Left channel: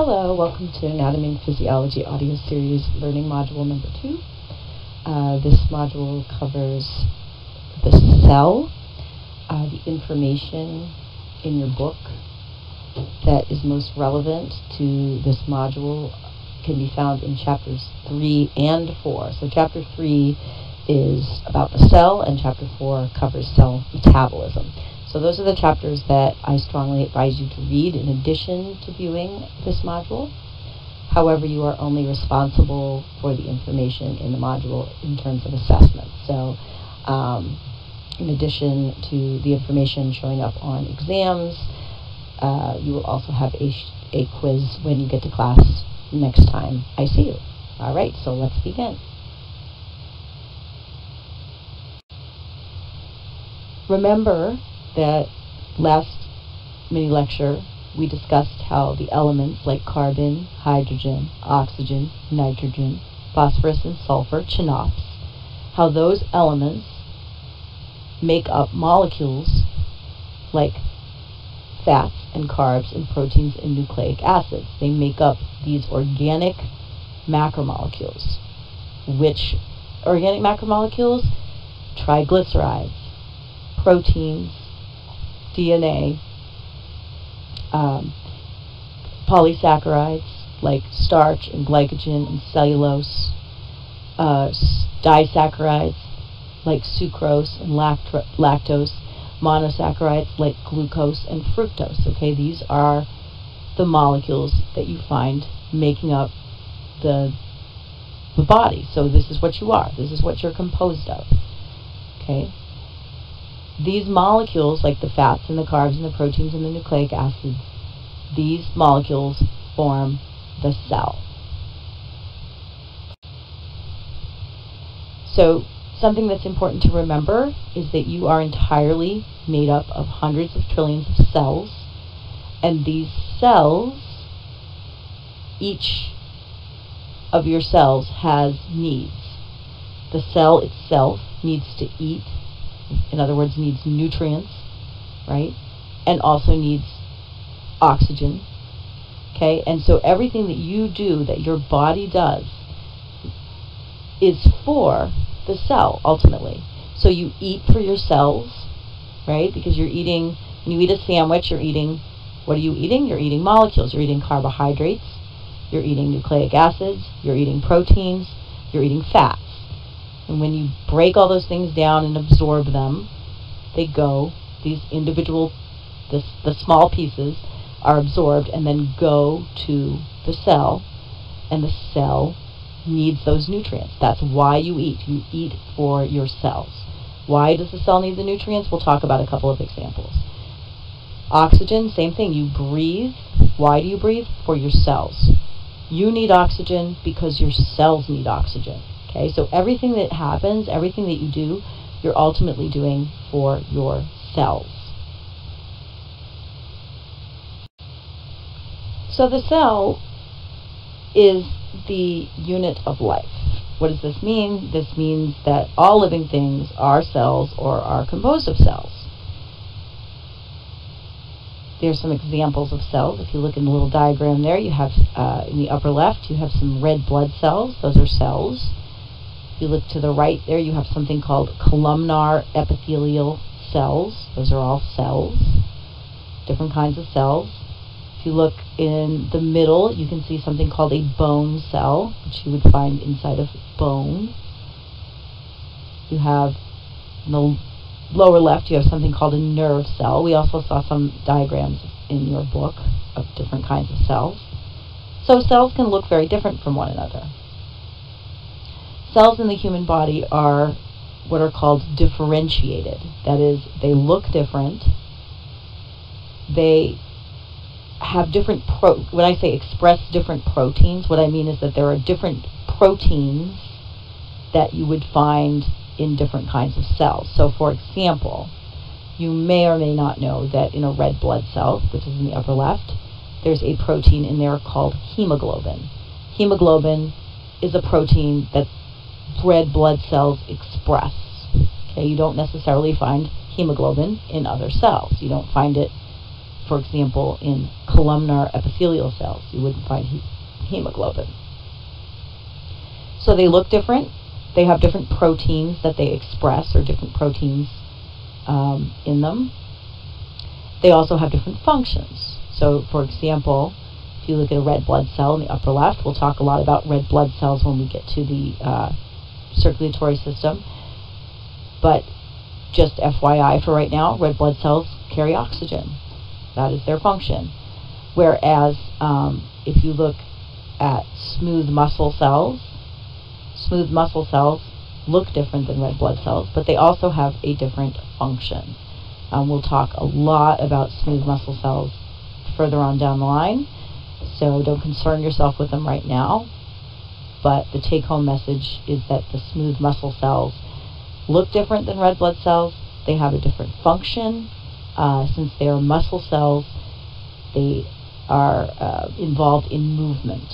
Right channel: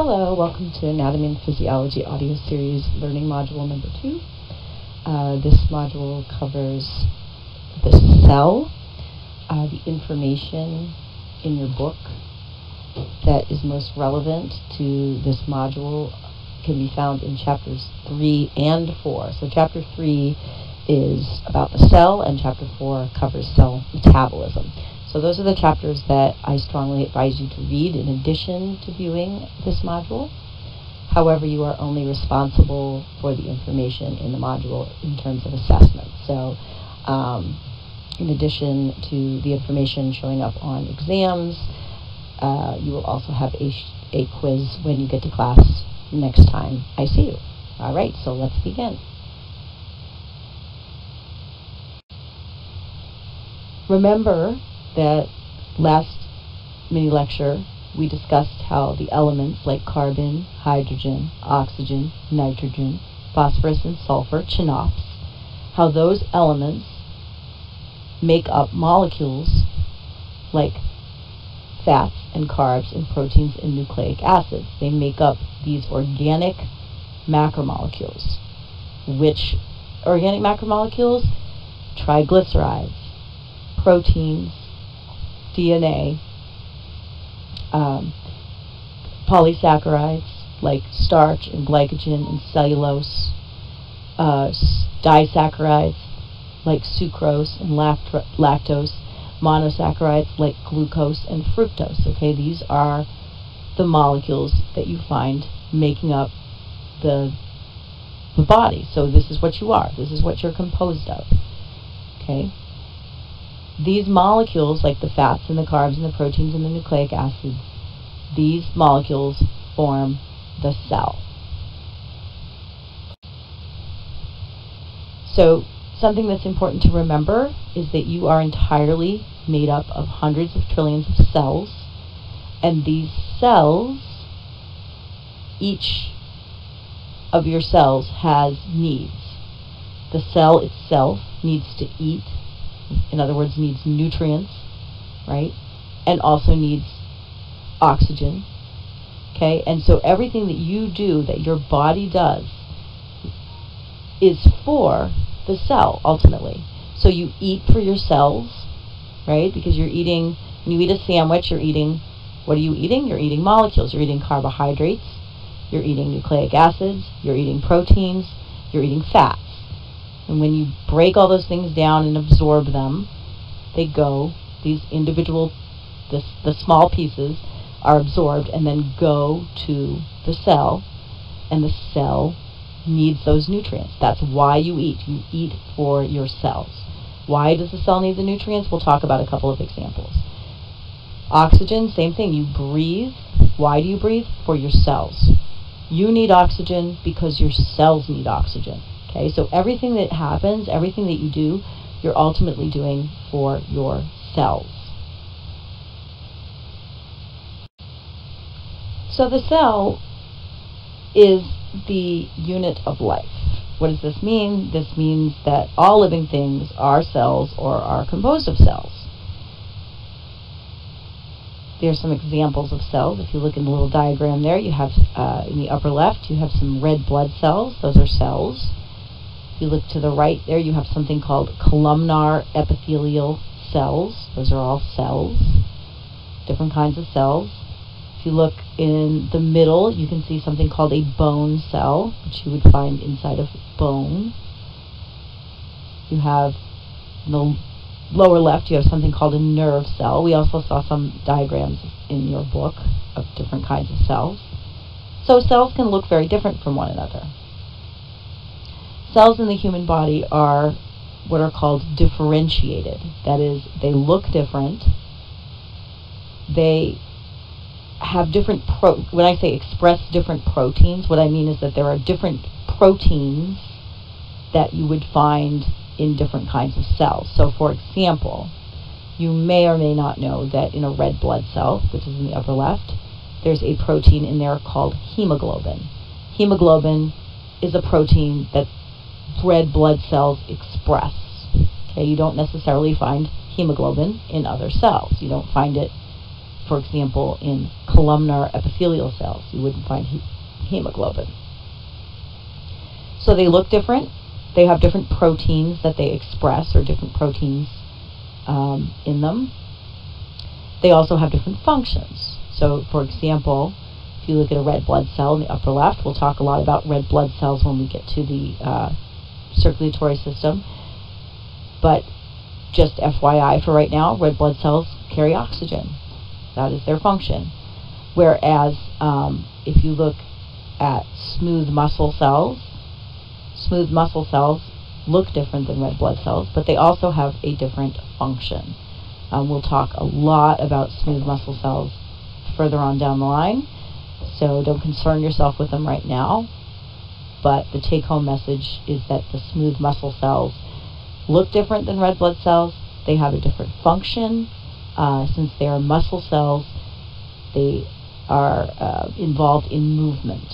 Hello, welcome to Anatomy and Physiology audio series learning module number 2. This module covers the cell, the information in your book that is most relevant to this module can be found in chapters 3 and 4. So chapter 3 is about the cell and chapter 4 covers cell metabolism. So those are the chapters that I strongly advise you to read in addition to viewing this module. However, you are only responsible for the information in the module in terms of assessment. So in addition to the information showing up on exams, you will also have a quiz when you get to class next time I see you. All right, so let's begin. Remember that last mini lecture we discussed how the elements like carbon, hydrogen, oxygen, nitrogen, phosphorus, and sulfur, chinops, how those elements make up molecules like fats and carbs and proteins and nucleic acids. They make up these organic macromolecules. Which organic macromolecules? Triglycerides, proteins, DNA, polysaccharides like starch and glycogen and cellulose, disaccharides like sucrose and lactose, monosaccharides like glucose and fructose. Okay, these are the molecules that you find making up the body. So this is what you are. This is what you're composed of. Okay. These molecules, like the fats and the carbs and the proteins and the nucleic acids, these molecules form the cell. So something that's important to remember is that you are entirely made up of hundreds of trillions of cells, and these cells, each of your cells has needs. The cell itself needs to eat. In other words, needs nutrients, right? And also needs oxygen, okay? And so everything that you do, that your body does, is for the cell, ultimately. So you eat for your cells, right? Because you're eating, when you eat a sandwich, you're eating, what are you eating? You're eating molecules. You're eating carbohydrates, you're eating nucleic acids, you're eating proteins, you're eating fats. And when you break all those things down and absorb them, they go, these individual, the small pieces are absorbed and then go to the cell, and the cell needs those nutrients. That's why you eat. You eat for your cells. Why does the cell need the nutrients? We'll talk about a couple of examples. Oxygen, same thing. You breathe. Why do you breathe? For your cells. You need oxygen because your cells need oxygen. Okay, so everything that happens, everything that you do, you're ultimately doing for your cells. So the cell is the unit of life. What does this mean? This means that all living things are cells or are composed of cells. There's some examples of cells. If you look in the little diagram there, you have, in the upper left, you have some red blood cells. Those are cells. If you look to the right there, you have something called columnar epithelial cells. Those are all cells, different kinds of cells. If you look in the middle, you can see something called a bone cell, which you would find inside of bone. You have, in the lower left, you have something called a nerve cell. We also saw some diagrams in your book of different kinds of cells. So cells can look very different from one another. Cells in the human body are what are called differentiated. That is, they look different. They have different, when I say express different proteins, what I mean is that there are different proteins that you would find in different kinds of cells. So for example, you may or may not know that in a red blood cell, which is in the upper left, there's a protein in there called hemoglobin. Hemoglobin is a protein that red blood cells express. Okay, you don't necessarily find hemoglobin in other cells. You don't find it for example, in columnar epithelial cells, you wouldn't find hemoglobin. So they look different. They have different proteins that they express, or different proteins in them. They also have different functions. So, for example, if you look at a red blood cell in the upper left, we'll talk a lot about red blood cells when we get to the circulatory system. But just FYI for right now, red blood cells carry oxygen. That is their function. Whereas if you look at smooth muscle cells look different than red blood cells, but they also have a different function. We'll talk a lot about smooth muscle cells further on down the line, so don't concern yourself with them right now. But the take-home message is that the smooth muscle cells look different than red blood cells. They have a different function. Since they are muscle cells, they are involved in movement.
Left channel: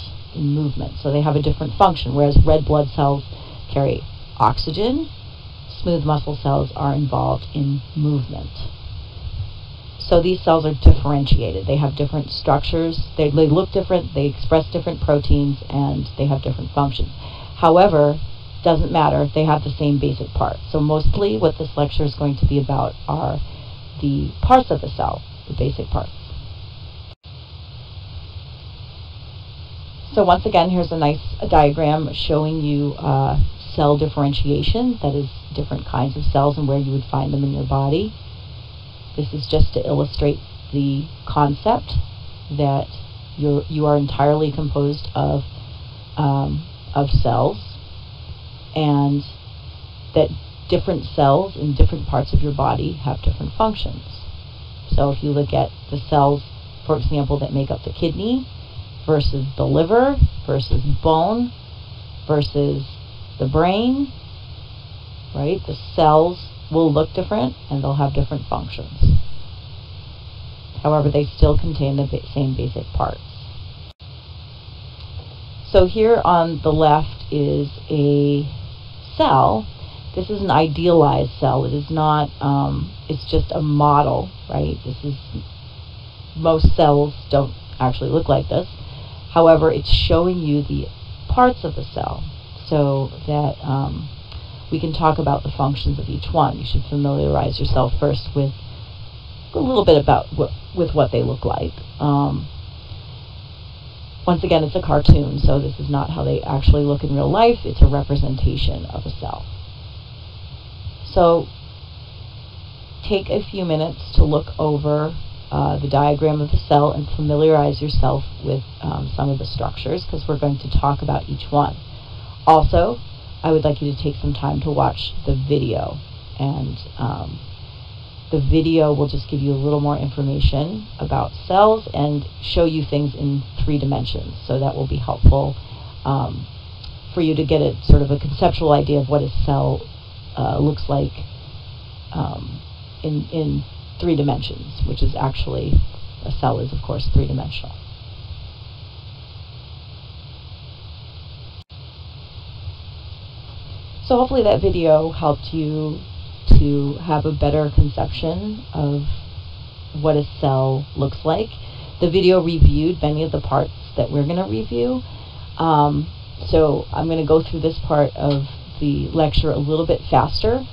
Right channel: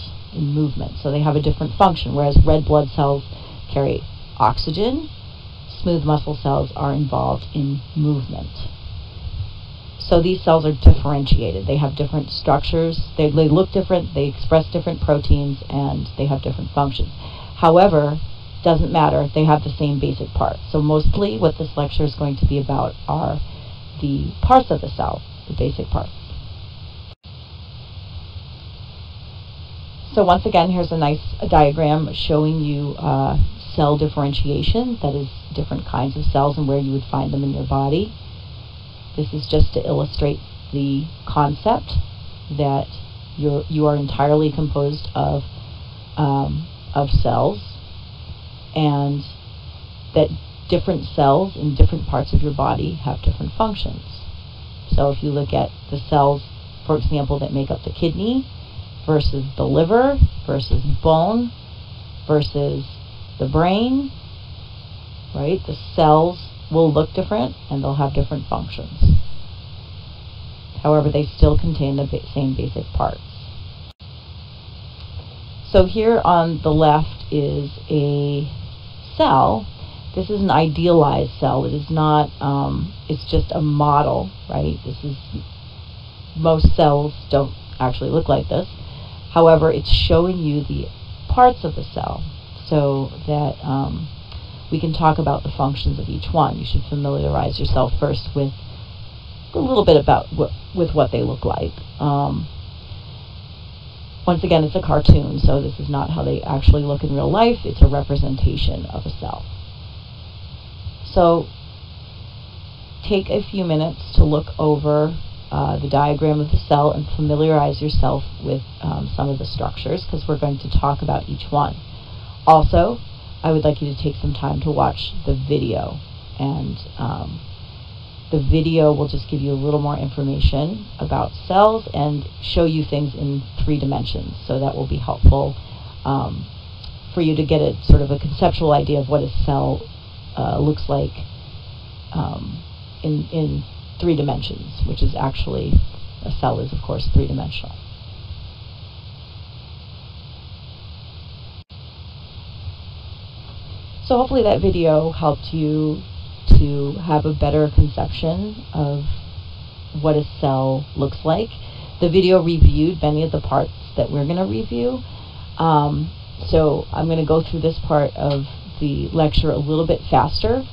So they have a different function, whereas red blood cells carry oxygen. Smooth muscle cells are involved in movement. So these cells are differentiated. They have different structures. They look different, they express different proteins, and they have different functions. However, doesn't matter, they have the same basic parts. So mostly what this lecture is going to be about are the parts of the cell, the basic parts. So once again, here's a nice diagram showing you cell differentiation, that is, different kinds of cells and where you would find them in your body. This is just to illustrate the concept that you are entirely composed of cells, and that different cells in different parts of your body have different functions. So if you look at the cells, for example, that make up the kidney versus the liver versus bone versus the brain, right? The cells will look different and they'll have different functions. However, they still contain the same basic parts. So here on the left is a cell. This is an idealized cell. It is not, it's just a model, right? Most cells don't actually look like this. However, it's showing you the parts of the cell so that we can talk about the functions of each one. You should familiarize yourself first with a little bit about what they look like. Once again, it's a cartoon, so this is not how they actually look in real life. It's a representation of a cell. So take a few minutes to look over the diagram of the cell and familiarize yourself with some of the structures, because we're going to talk about each one. Also, I would like you to take some time to watch the video, and the video will just give you a little more information about cells and show you things in 3 dimensions, so that will be helpful for you to get a sort of a conceptual idea of what a cell looks like in 3 dimensions, which is actually, a cell is of course 3-dimensional. So hopefully that video helped you to have a better conception of what a cell looks like. The video reviewed many of the parts that we're going to review. So I'm going to go through this part of the lecture a little bit faster,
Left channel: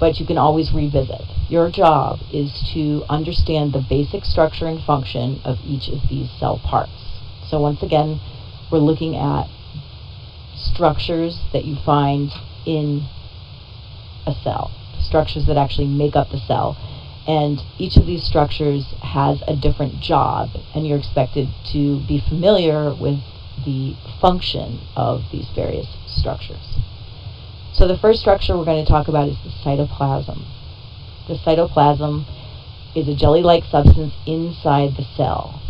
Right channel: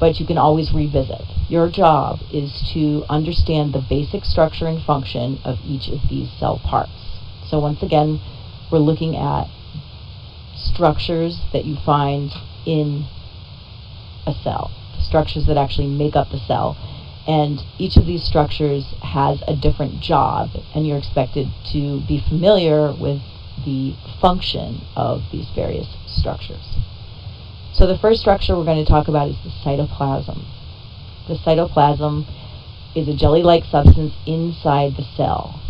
but you can always revisit. Your job is to understand the basic structure and function of each of these cell parts. So once again, we're looking at structures that you find in a cell, structures that actually make up the cell. And each of these structures has a different job, and you're expected to be familiar with the function of these various structures. So the first structure we're going to talk about is the cytoplasm. The cytoplasm is a jelly-like substance inside the cell.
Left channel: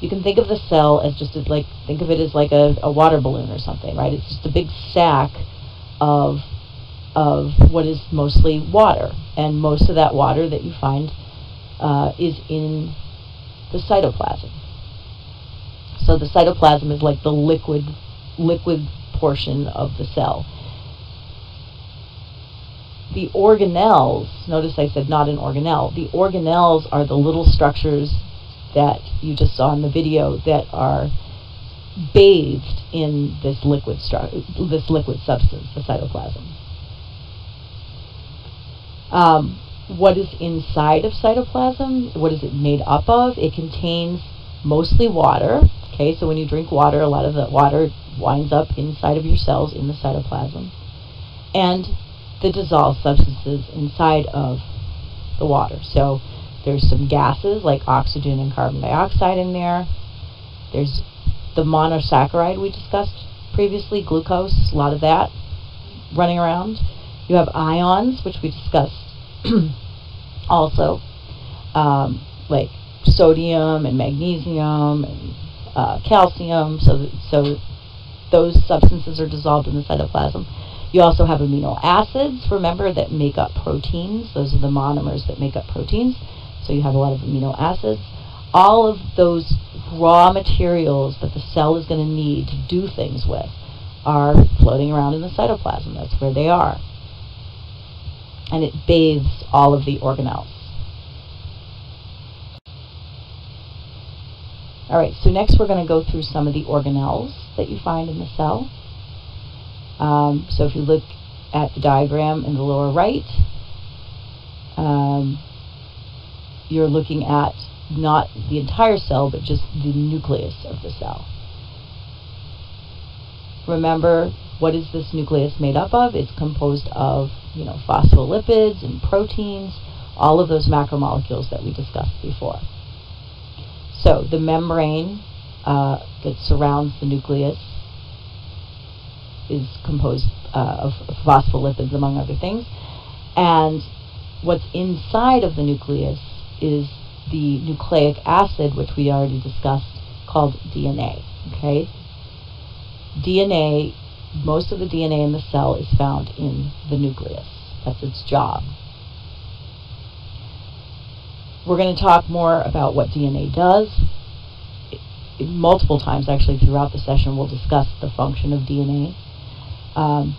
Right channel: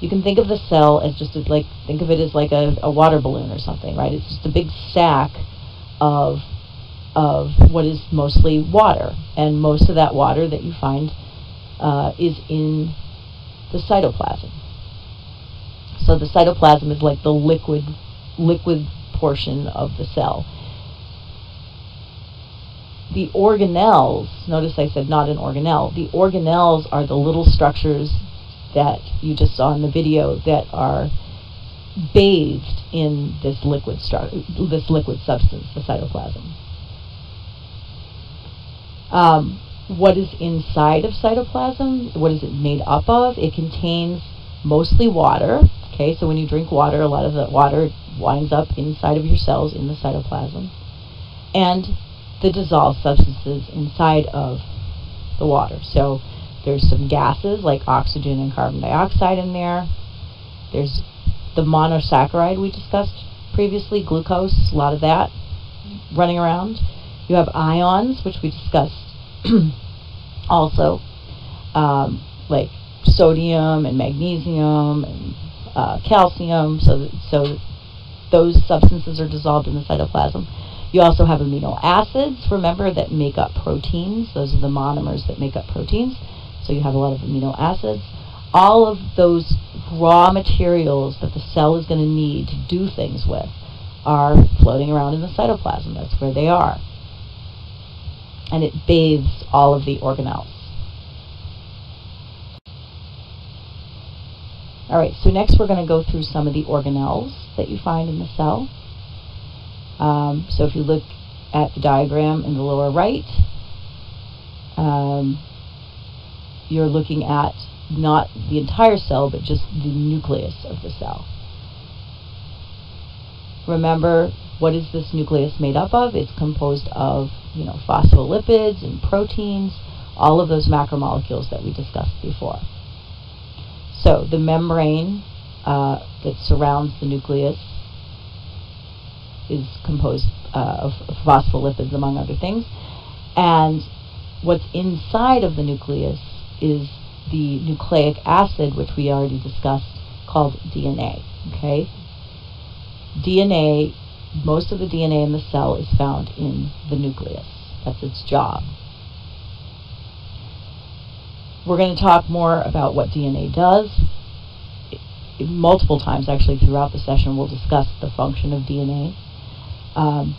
You can think of the cell as just think of it as like a water balloon or something, right? It's just a big sack of what is mostly water, and most of that water that you find is in the cytoplasm. So the cytoplasm is like the liquid portion of the cell. The organelles, notice I said not an organelle, the organelles are the little structures that you just saw in the video that are bathed in this liquid substance, the cytoplasm. What is inside of cytoplasm? What is it made up of? It contains mostly water. Okay, so when you drink water, a lot of the water winds up inside of your cells in the cytoplasm. And the dissolved substances inside of the water. So there's some gases like oxygen and carbon dioxide in there. There's the monosaccharide we discussed previously, glucose, a lot of that running around. You have ions, which we discussed also, like sodium and magnesium and calcium, so those substances are dissolved in the cytoplasm. You also have amino acids, remember, that make up proteins. Those are the monomers that make up proteins. So you have a lot of amino acids. All of those raw materials that the cell is going to need to do things with are floating around in the cytoplasm. That's where they are. And it bathes all of the organelles. All right, so next we're going to go through some of the organelles that you find in the cell. So if you look at the diagram in the lower right, you're looking at not the entire cell, but just the nucleus of the cell. Remember, what is this nucleus made up of? It's composed of, phospholipids and proteins, all of those macromolecules that we discussed before. So the membrane that surrounds the nucleus is composed of phospholipids, among other things. And what's inside of the nucleus is the nucleic acid, which we already discussed, called DNA. Okay? DNA, most of the DNA in the cell is found in the nucleus. That's its job. We're going to talk more about what DNA does. Multiple times, actually, throughout the session, we'll discuss the function of DNA.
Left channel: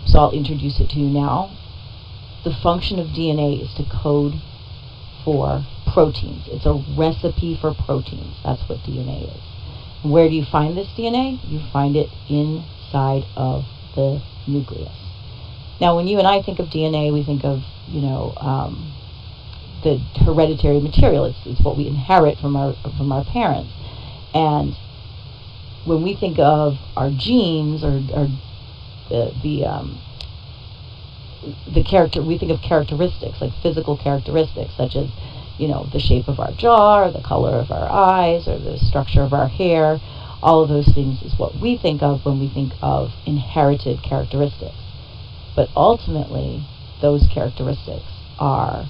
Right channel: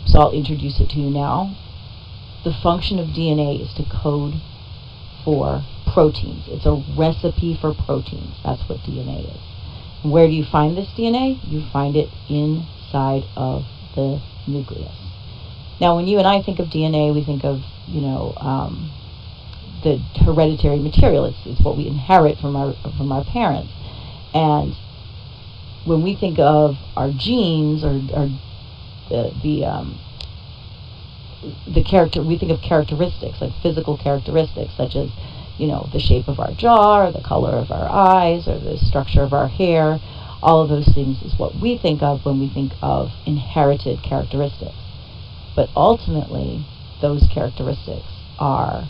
So I'll introduce it to you now. The function of DNA is to code for proteins. It's a recipe for proteins. That's what DNA is. And where do you find this DNA? You find it inside of the nucleus. Now, when you and I think of DNA, we think of, the hereditary material. It's what we inherit from our parents. And when we think of our genes or we think of characteristics, like physical characteristics, such as the shape of our jaw, or the color of our eyes, or the structure of our hair. All of those things is what we think of when we think of inherited characteristics. But ultimately, those characteristics are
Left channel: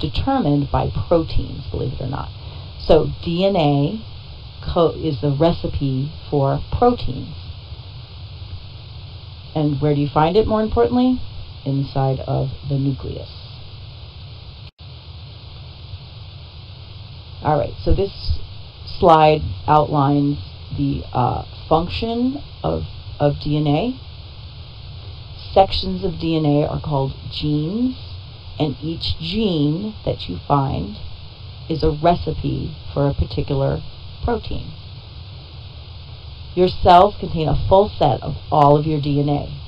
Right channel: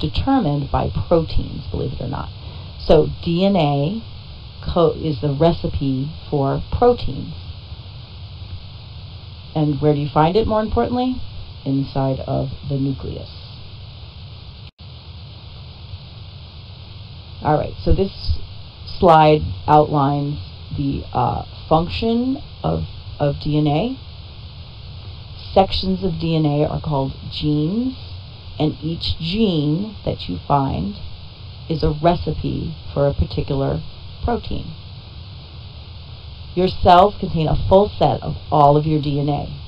determined by proteins, believe it or not. So DNA is the recipe for proteins. And where do you find it, more importantly? Inside of the nucleus. All right, so this slide outlines the function of DNA. Sections of DNA are called genes, and each gene that you find is a recipe for a particular protein. Your cells contain a full set of all of your DNA.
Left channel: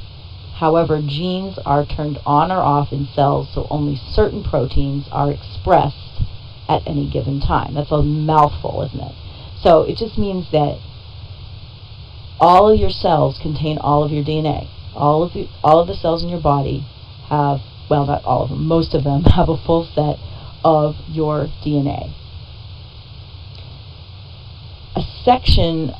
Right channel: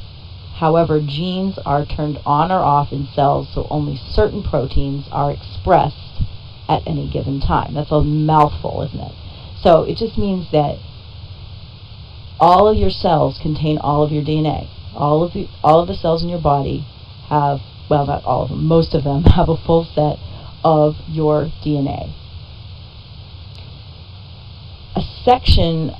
However, genes are turned on or off in cells, so only certain proteins are expressed at any given time. That's a mouthful, isn't it? So it just means that all of your cells contain all of your DNA. All of the cells in your body have, well, not all of them, most of them have a full set of your DNA. A section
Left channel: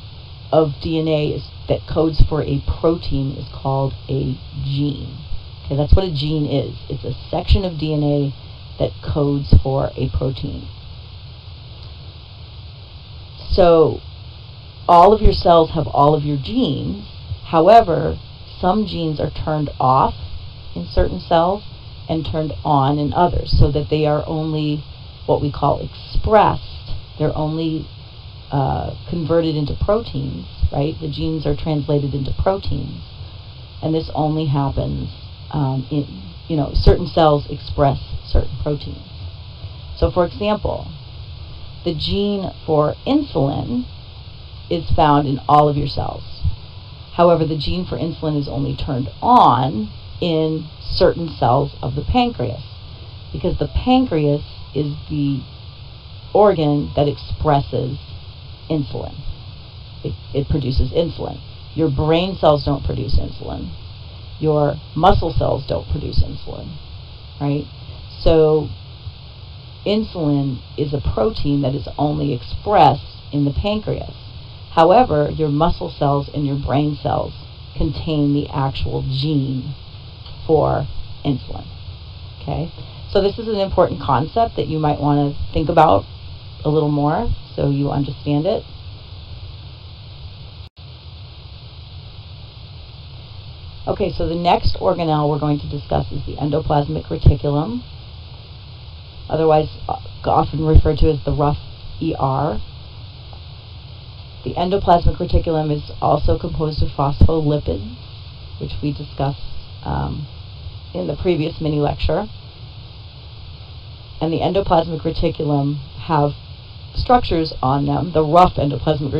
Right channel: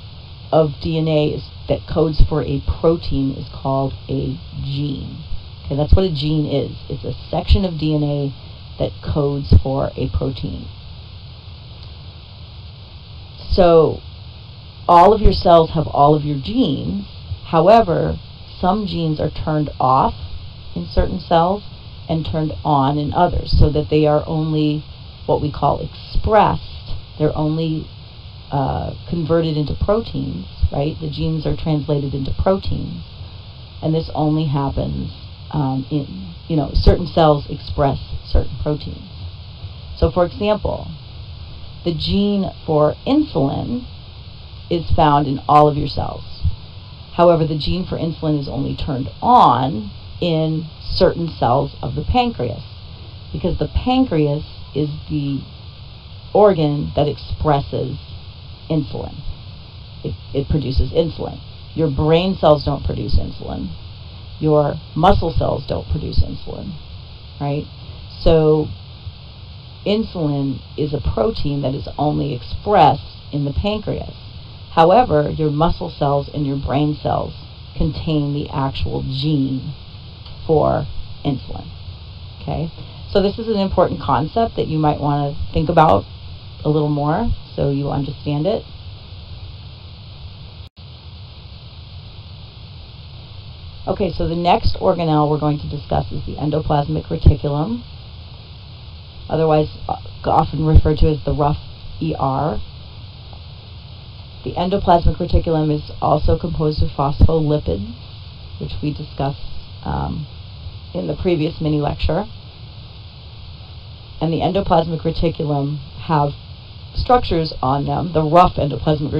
of DNA that codes for a protein is called a gene. Okay, that's what a gene is. It's a section of DNA that codes for a protein. So all of your cells have all of your genes. However, some genes are turned off in certain cells and turned on in others, so that they are only what we call expressed. They're only converted into proteins, right? The genes are translated into proteins, and this only happens certain cells express certain proteins. So for example, the gene for insulin is found in all of your cells. However, the gene for insulin is only turned on in certain cells of the pancreas, because the pancreas is the organ that expresses insulin. It produces insulin. Your brain cells don't produce insulin. Your muscle cells don't produce insulin, right? So insulin is a protein that is only expressed in the pancreas. However, your muscle cells and your brain cells contain the actual gene for insulin. Okay? So this is an important concept that you might want to think about a little more so you understand it. Okay, so the next organelle we're going to discuss is the endoplasmic reticulum, otherwise often referred to as the rough ER. The endoplasmic reticulum is also composed of phospholipids, which we discussed in the previous mini lecture. And the endoplasmic reticulum have structures on them. The rough endoplasmic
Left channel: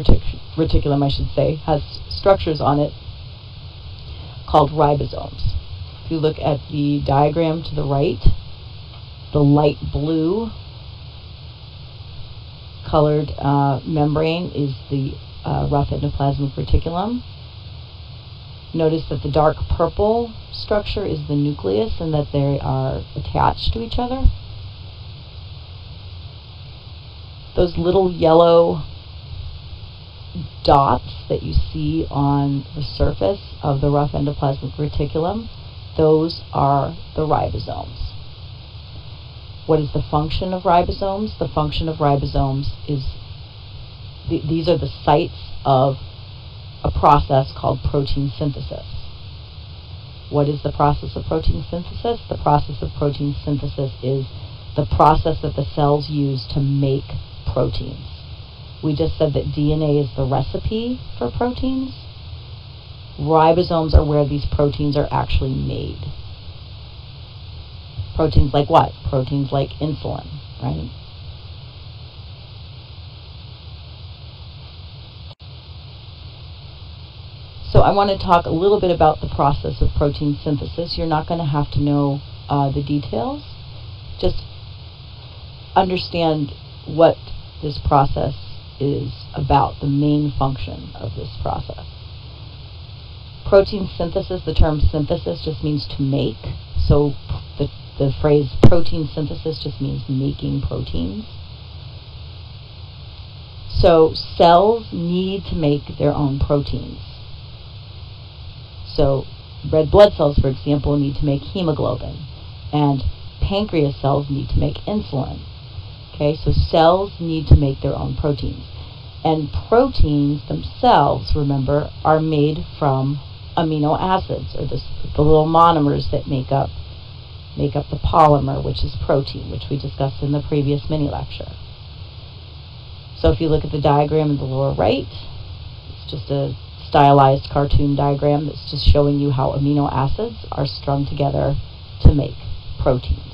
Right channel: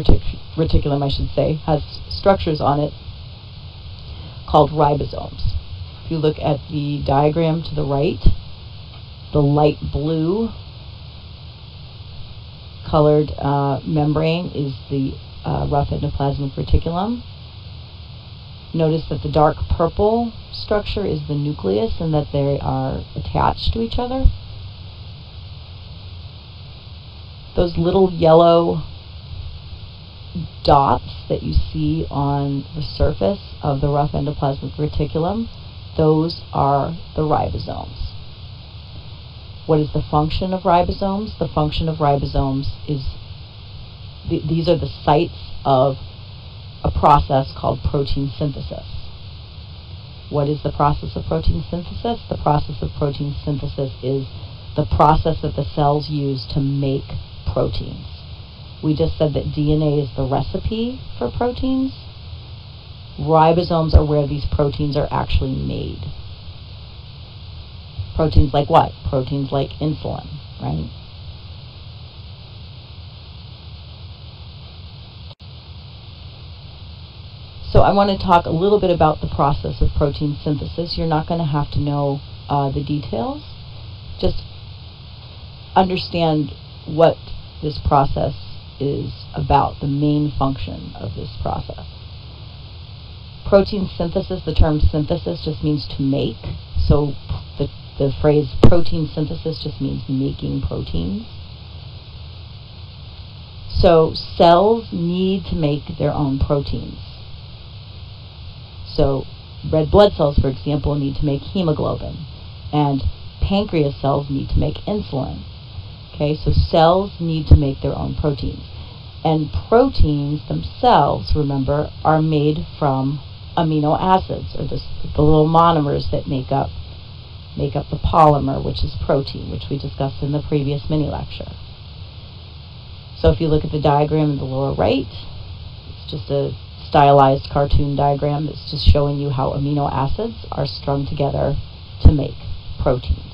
reticulum, I should say, has structures on it called ribosomes. If you look at the diagram to the right, the light blue colored membrane is the rough endoplasmic reticulum. Notice that the dark purple structure is the nucleus and that they are attached to each other. Those little yellow dots that you see on the surface of the rough endoplasmic reticulum, those are the ribosomes. What is the function of ribosomes? The function of ribosomes is, these are the sites of a process called protein synthesis. What is the process of protein synthesis? The process of protein synthesis is the process that the cells use to make proteins. We just said that DNA is the recipe for proteins. Ribosomes are where these proteins are actually made. Proteins like what? Proteins like insulin, right? So I want to talk a little bit about the process of protein synthesis. You're not going to have to know the details. Just understand what this process is about, the main function of this process. Protein synthesis, the term synthesis just means to make. So the phrase protein synthesis just means making proteins. So cells need to make their own proteins. So red blood cells, for example, need to make hemoglobin, and pancreas cells need to make insulin. Okay, so cells need to make their own proteins. And proteins themselves, remember, are made from amino acids, or the little monomers that make up the polymer, which is protein, which we discussed in the previous mini lecture. So if you look at the diagram in the lower right, it's just a stylized cartoon diagram that's just showing you how amino acids are strung together to make proteins.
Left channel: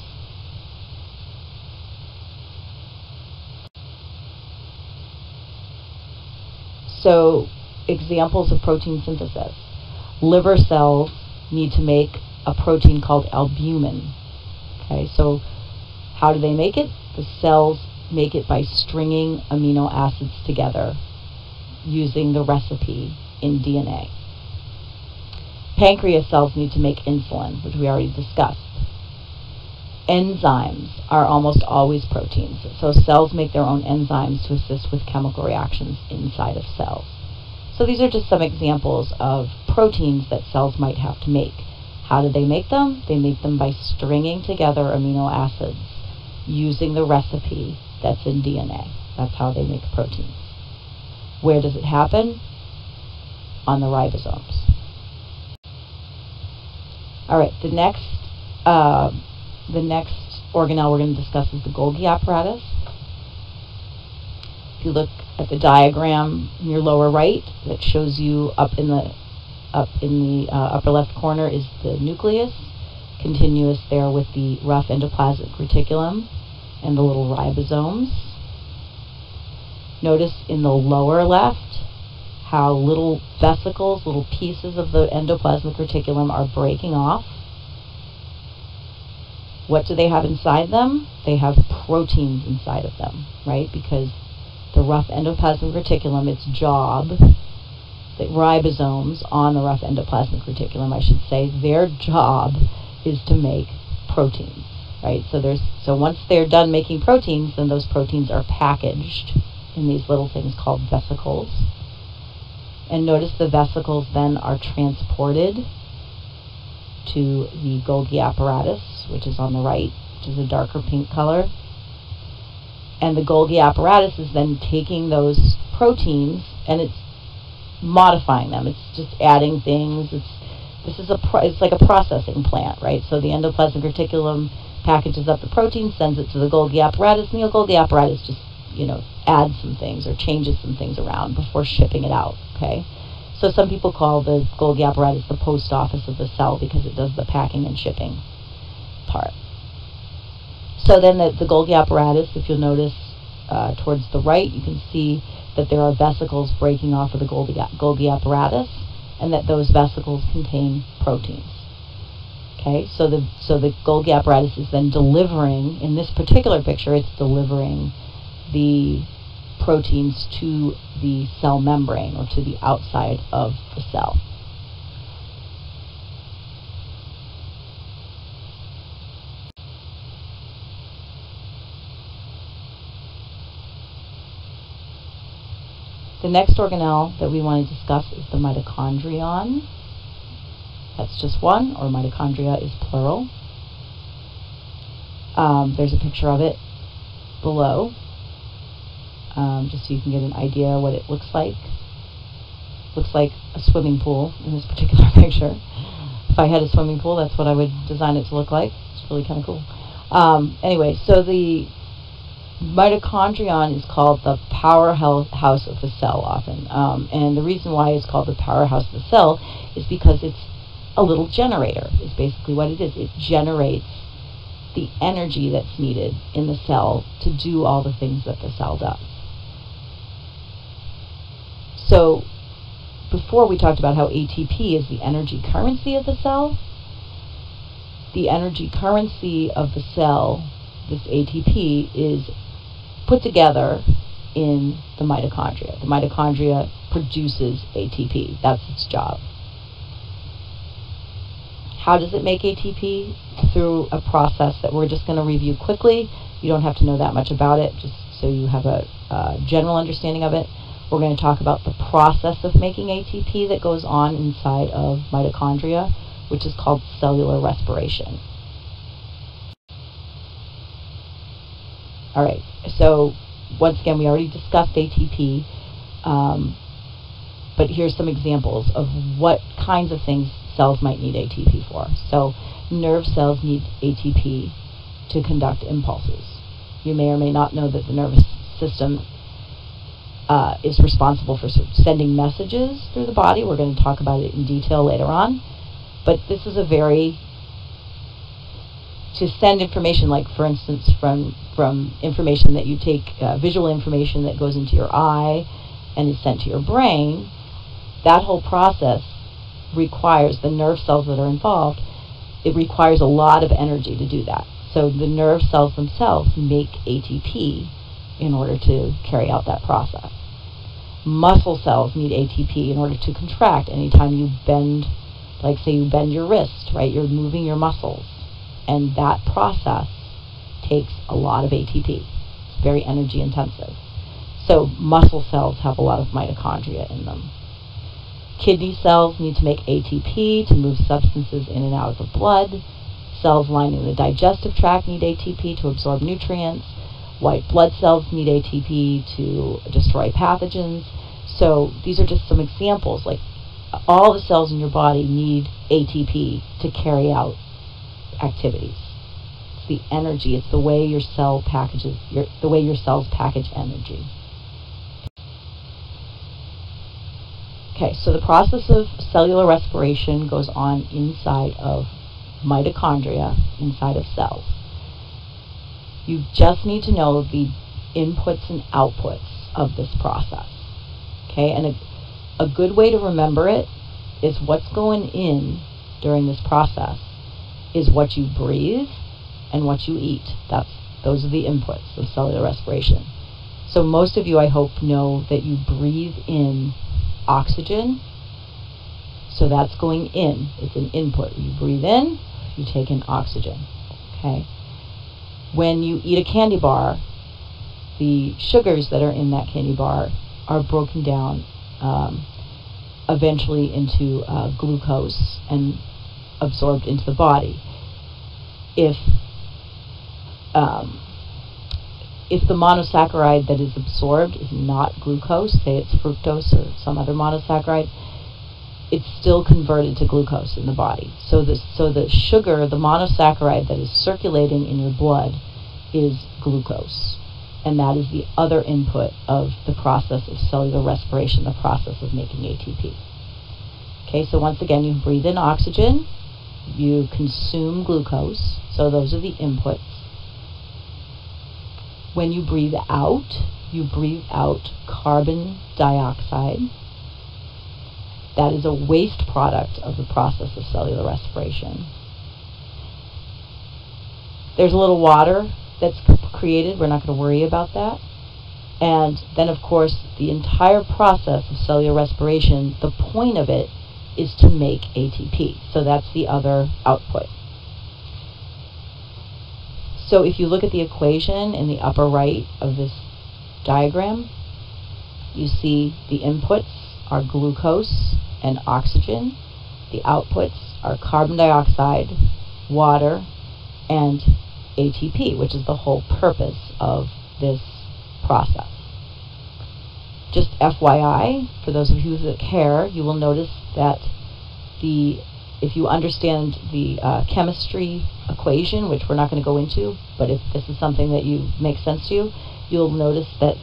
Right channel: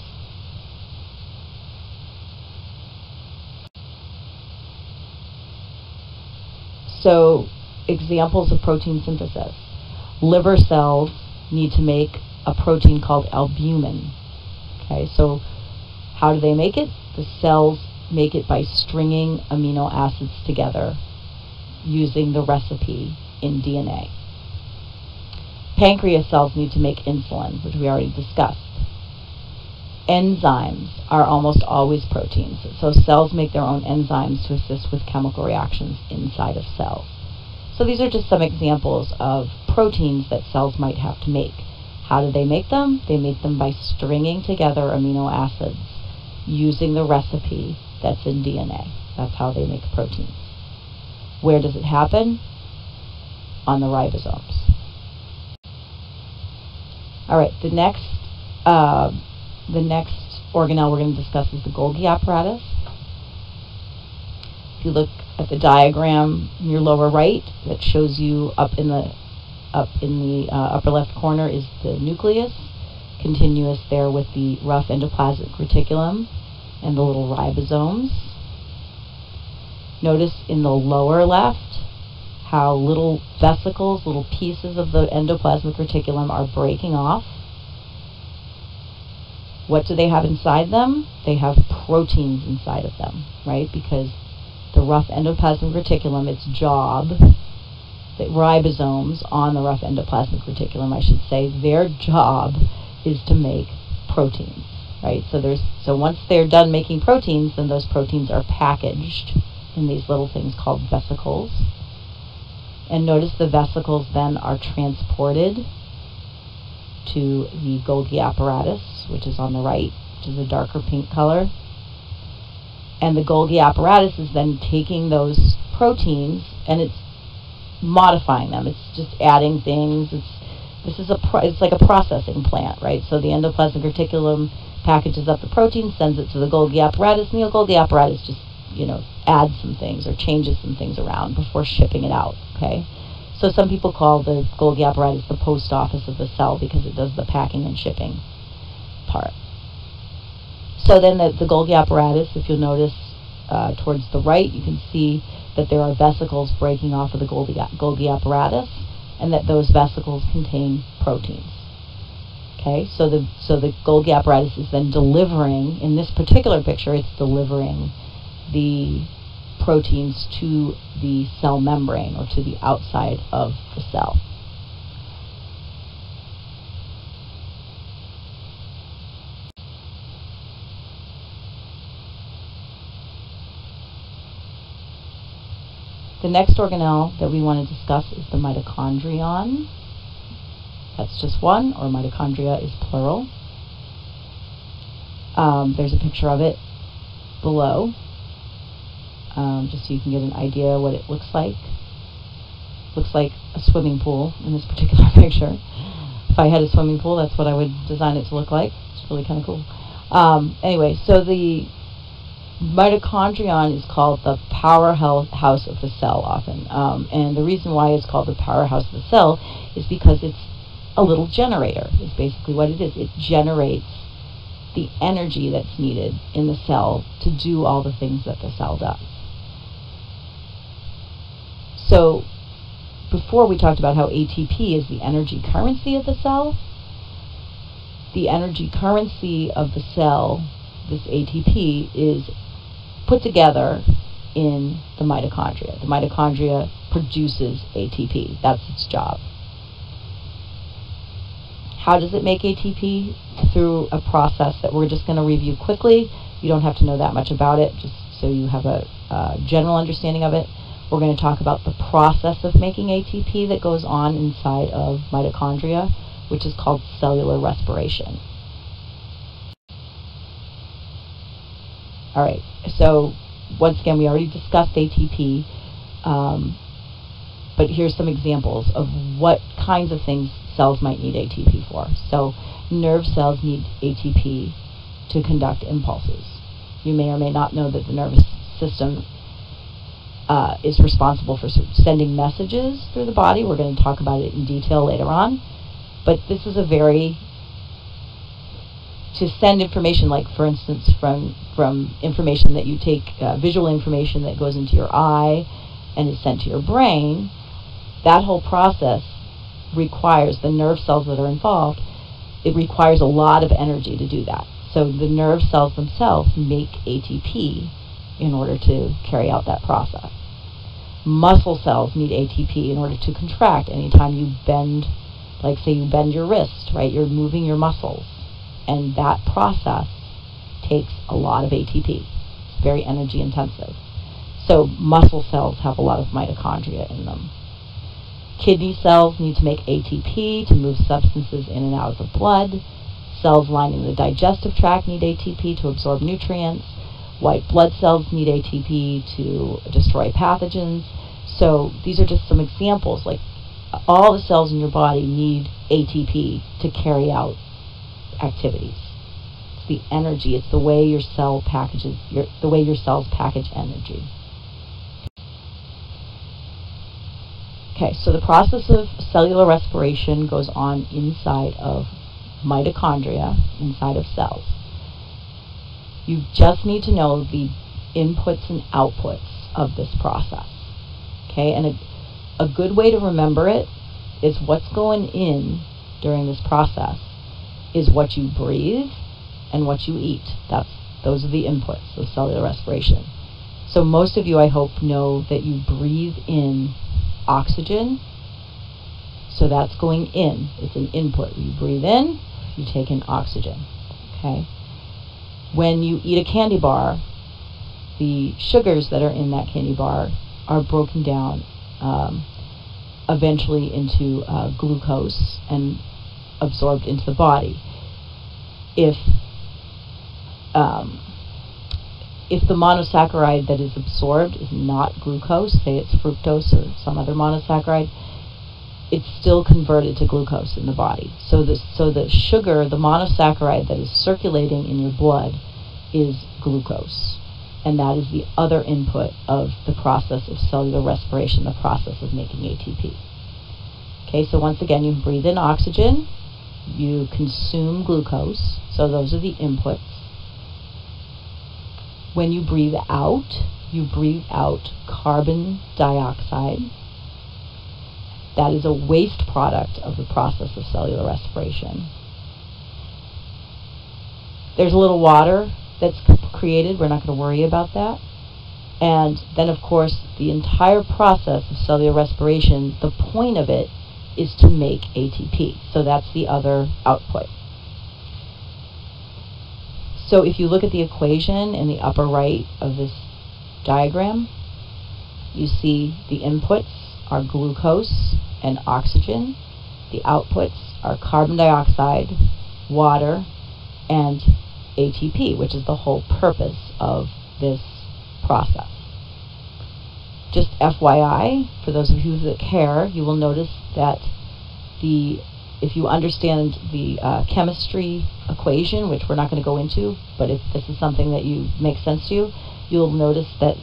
So examples of protein synthesis. Liver cells need to make a protein called albumin. Okay, so how do they make it? The cells make it by stringing amino acids together using the recipe in DNA. Pancreas cells need to make insulin, which we already discussed. Enzymes are almost always proteins. So cells make their own enzymes to assist with chemical reactions inside of cells. So these are just some examples of proteins that cells might have to make. How do they make them? They make them by stringing together amino acids using the recipe that's in DNA. That's how they make proteins. Where does it happen? On the ribosomes. All right, the next organelle we're going to discuss is the Golgi apparatus. If you look at the diagram in your lower right, that shows you up in the upper left corner is the nucleus. continuous there with the rough endoplasmic reticulum and the little ribosomes. Notice in the lower left how little vesicles, little pieces of the endoplasmic reticulum are breaking off. What do they have inside them? They have proteins inside of them, right? Because the rough endoplasmic reticulum, its job, the ribosomes on the rough endoplasmic reticulum, I should say, their job is to make proteins, right? So once they're done making proteins, then those proteins are packaged in these little things called vesicles. And notice the vesicles then are transported to the Golgi apparatus, which is on the right, which is a darker pink color. And the Golgi apparatus is then taking those proteins and it's modifying them. It's just adding things. It's like a processing plant, right? So the endoplasmic reticulum packages up the protein, sends it to the Golgi apparatus, and the Golgi apparatus just, adds some things or changes some things around before shipping it out, okay? So some people call the Golgi apparatus the post office of the cell because it does the packing and shipping part. So then the Golgi apparatus, if you'll notice towards the right, you can see that there are vesicles breaking off of the Golgi apparatus, and that those vesicles contain proteins. Okay, so the Golgi apparatus is then delivering, in this particular picture, it's delivering the proteins to the cell membrane or to the outside of the cell. The next organelle that we want to discuss is the mitochondrion. That's just one, or mitochondria is plural. There's a picture of it below, just so you can get an idea what it looks like. Looks like a swimming pool in this particular picture. If I had a swimming pool, that's what I would design it to look like. It's really kind of cool. Anyway, so the mitochondrion is called the powerhouse of the cell often. And the reason why it's called the powerhouse of the cell is because it's a little generator, is basically what it is. It generates the energy that's needed in the cell to do all the things that the cell does. So before we talked about how ATP is the energy currency of the cell. The energy currency of the cell, this ATP, is put together in the mitochondria. The mitochondria produces ATP. That's its job. How does it make ATP? Through a process that we're just going to review quickly. You don't have to know that much about it, just so you have a general understanding of it. We're going to talk about the process of making ATP that goes on inside of mitochondria, which is called cellular respiration. All right, so once again, we already discussed ATP, but here's some examples of what kinds of things cells might need ATP for. So nerve cells need ATP to conduct impulses. You may or may not know that the nervous system is responsible for sending messages through the body. We're going to talk about it in detail later on. But this is to send information, like for instance from information that you take, visual information that goes into your eye and is sent to your brain. That whole process requires the nerve cells that are involved. It requires a lot of energy to do that. So the nerve cells themselves make ATP in order to carry out that process. Muscle cells need ATP in order to contract. Anytime you bend, like say you bend your wrist, right? You're moving your muscles. And that process takes a lot of ATP. It's very energy intensive. So muscle cells have a lot of mitochondria in them. Kidney cells need to make ATP to move substances in and out of the blood. Cells lining the digestive tract need ATP to absorb nutrients. White blood cells need ATP to destroy pathogens. So these are just some examples. Like all the cells in your body need ATP to carry out activities. It's the energy. It's the way your cell packages, the way your cells package energy. Okay, so the process of cellular respiration goes on inside of mitochondria inside of cells. You just need to know the inputs and outputs of this process. Okay, and a good way to remember it is what's going in during this process is what you breathe and what you eat. Those are the inputs of cellular respiration. So most of you, I hope, know that you breathe in oxygen. So that's going in. It's an input. You breathe in, you take in oxygen. Okay? When you eat a candy bar, the sugars that are in that candy bar are broken down eventually into glucose and absorbed into the body. If the monosaccharide that is absorbed is not glucose, say it's fructose or some other monosaccharide, it's still converted to glucose in the body. So the sugar, the monosaccharide that is circulating in your blood is glucose. And that is the other input of the process of cellular respiration, the process of making ATP. Okay, so once again, you breathe in oxygen, you consume glucose, so those are the inputs. When you breathe out carbon dioxide. That is a waste product of the process of cellular respiration. There's a little water that's created. We're not going to worry about that. And then, of course, the entire process of cellular respiration, the point of it is to make ATP. So that's the other output. So if you look at the equation in the upper right of this diagram, you see the inputs are glucose and oxygen. The outputs are carbon dioxide, water, and ATP, which is the whole purpose of this process. Just FYI, for those of you that care, you will notice that if you understand the chemistry equation, which we're not going to go into, but if this is something that makes sense to you, you'll notice that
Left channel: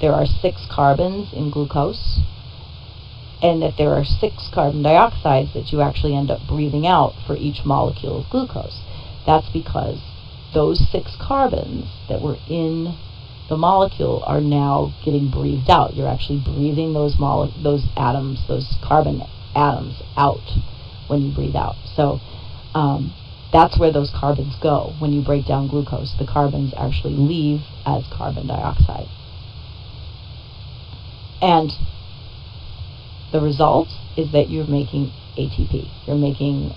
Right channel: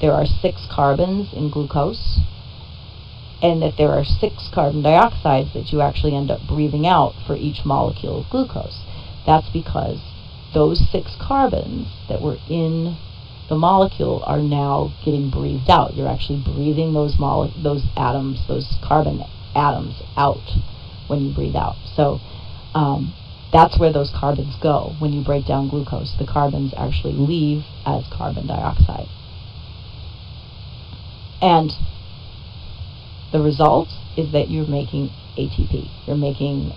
there are 6 carbons in glucose, and that there are 6 carbon dioxides that you actually end up breathing out for each molecule of glucose. That's because those 6 carbons that were in the molecule are now getting breathed out. You're actually breathing those atoms, those carbon atoms out when you breathe out. So that's where those carbons go. When you break down glucose, the carbons actually leave as carbon dioxide. And the result is that you're making ATP. You're making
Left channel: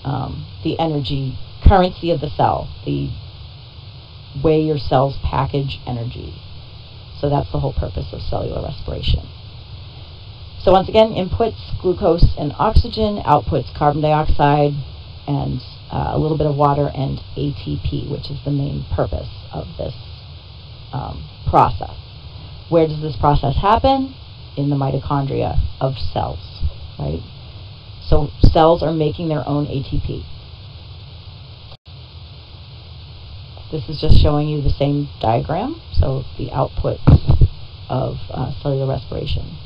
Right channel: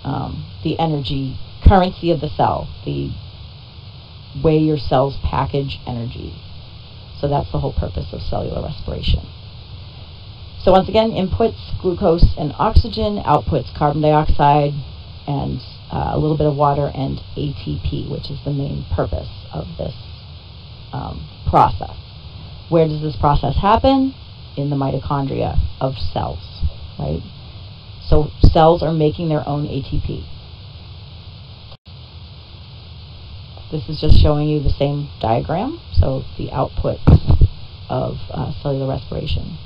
the energy currency of the cell, the way your cells package energy. So that's the whole purpose of cellular respiration. So once again, inputs glucose and oxygen, outputs carbon dioxide and a little bit of water and ATP, which is the main purpose of this process. Where does this process happen? In the mitochondria of cells, right? So cells are making their own ATP. This is just showing you the same diagram, so the output of cellular respiration.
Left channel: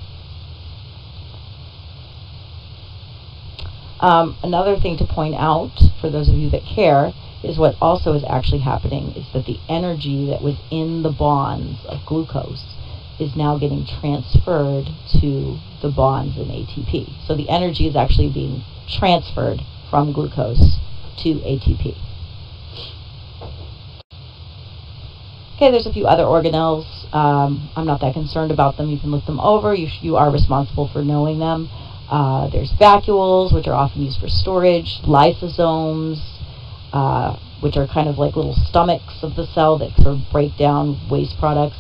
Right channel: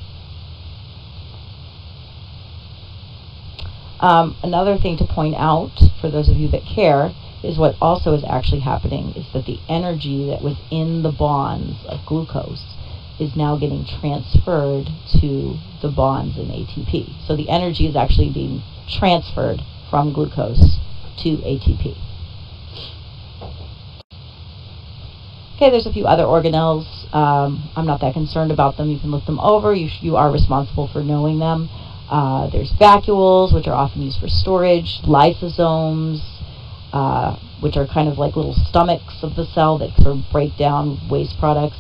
Another thing to point out, for those of you that care, is what also is actually happening is that the energy that was in the bonds of glucose is now getting transferred to the bonds in ATP. So the energy is actually being transferred from glucose to ATP. Okay, there's a few other organelles. I'm not that concerned about them. You can look them over. You are responsible for knowing them. There's vacuoles, which are often used for storage, lysosomes, which are kind of like little stomachs of the cell that sort of break down waste products,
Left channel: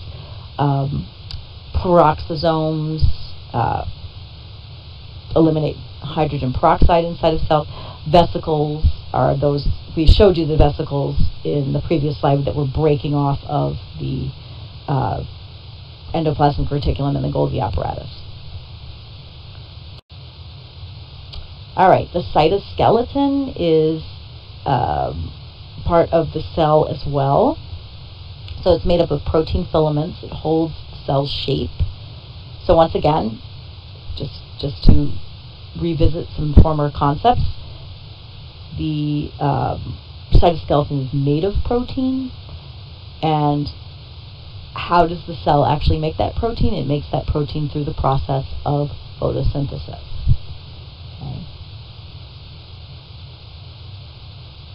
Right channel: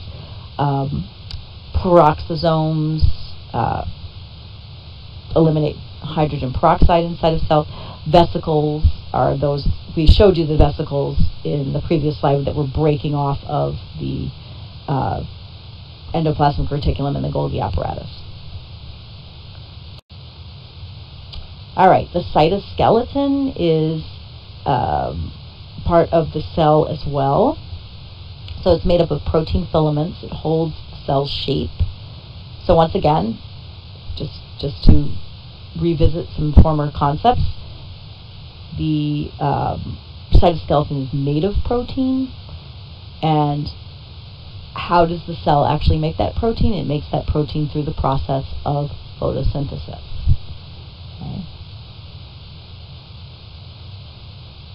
peroxisomes, eliminate hydrogen peroxide inside of cells. Vesicles are those, we showed you the vesicles in the previous slide that were breaking off of the endoplasmic reticulum and the Golgi apparatus. All right, the cytoskeleton is part of the cell as well. So it's made up of protein filaments. It holds the cell's shape. So once again, just to revisit some former concepts, the cytoskeleton is made of protein, and how does the cell actually make that protein? It makes that protein through the process of photosynthesis. Okay.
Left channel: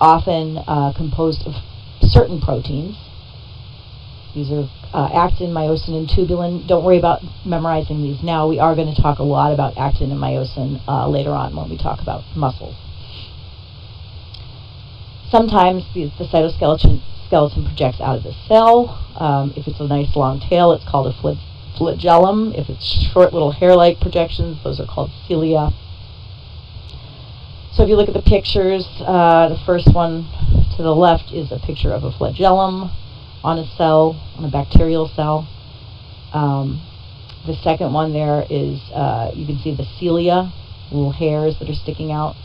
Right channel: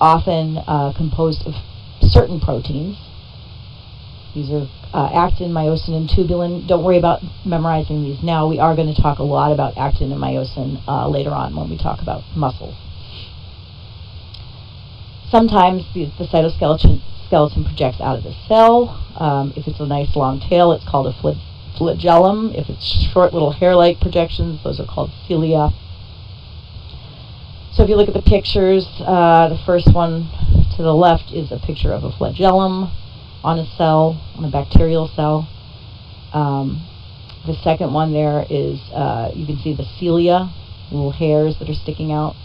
Often composed of certain proteins. These are actin, myosin, and tubulin. Don't worry about memorizing these now. We are going to talk a lot about actin and myosin later on when we talk about muscles. Sometimes the cytoskeleton projects out of the cell. If it's a nice long tail, it's called a flagellum. If it's short little hair-like projections, those are called cilia. So if you look at the pictures, the first one to the left is a picture of a flagellum on a cell, on a bacterial cell. The second one there is, you can see the cilia, little hairs that are sticking out.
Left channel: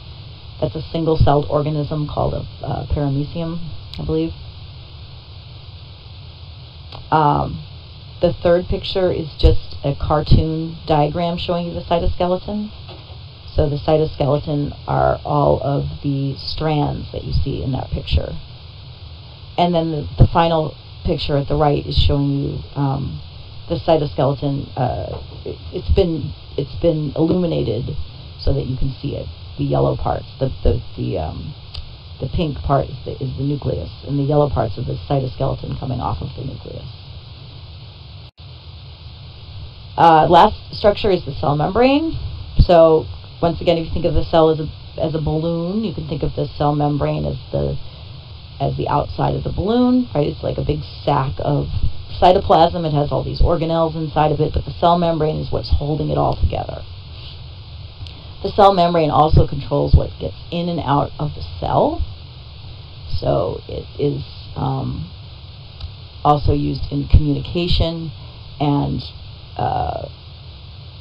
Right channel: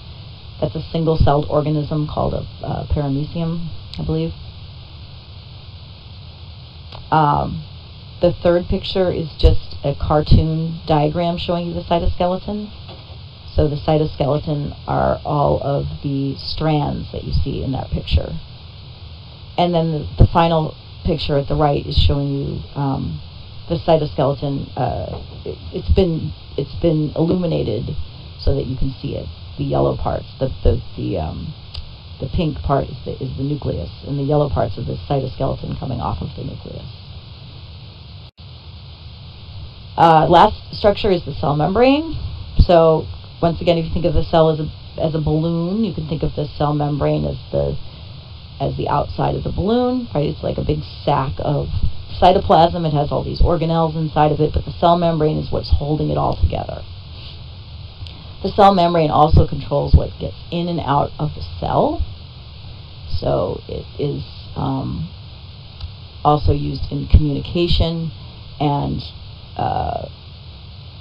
That's a single-celled organism called a paramecium, I believe. The third picture is just a cartoon diagram showing you the cytoskeleton. So the cytoskeleton are all of the strands that you see in that picture. And then the final picture at the right is showing you the cytoskeleton. It's been illuminated so that you can see it. The yellow parts, the pink part is the nucleus, and the yellow parts are the cytoskeleton coming off of the nucleus. Last structure is the cell membrane. So once again, if you think of the cell as a balloon, you can think of the cell membrane as the outside of the balloon, right? It's like a big sack of cytoplasm. It has all these organelles inside of it, but the cell membrane is what's holding it all together. The cell membrane also controls what gets in and out of the cell. So it is also used in communication, and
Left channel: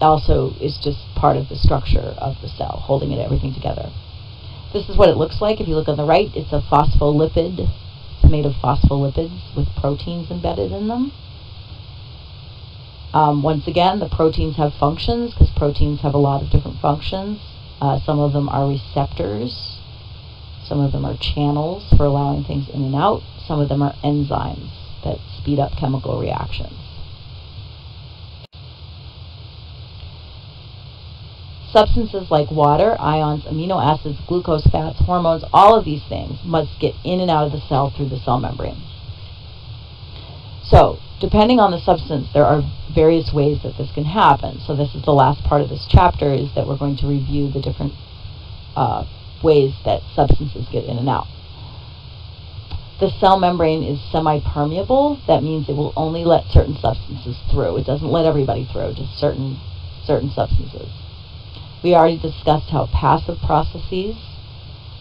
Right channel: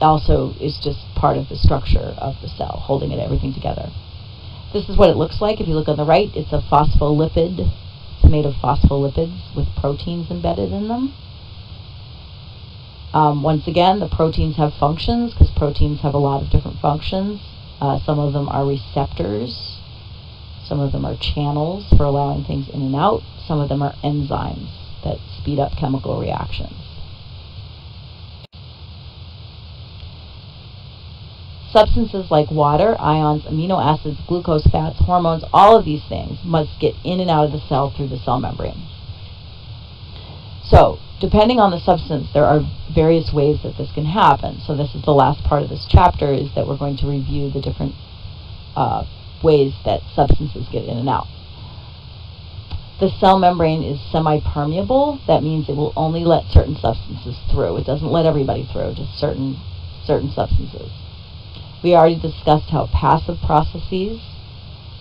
also is just part of the structure of the cell, holding everything together. This is what it looks like. If you look on the right, it's a phospholipid. It's made of phospholipids with proteins embedded in them. Once again, the proteins have functions, because proteins have a lot of different functions. Some of them are receptors. Some of them are channels for allowing things in and out. Some of them are enzymes that speed up chemical reactions. Substances like water, ions, amino acids, glucose, fats, hormones, all of these things must get in and out of the cell through the cell membrane. So, depending on the substance, there are various ways that this can happen. So this is the last part of this chapter, is that we're going to review the different ways that substances get in and out. The cell membrane is semi-permeable. That means it will only let certain substances through. It doesn't let everybody through, just certain substances. We already discussed how passive processes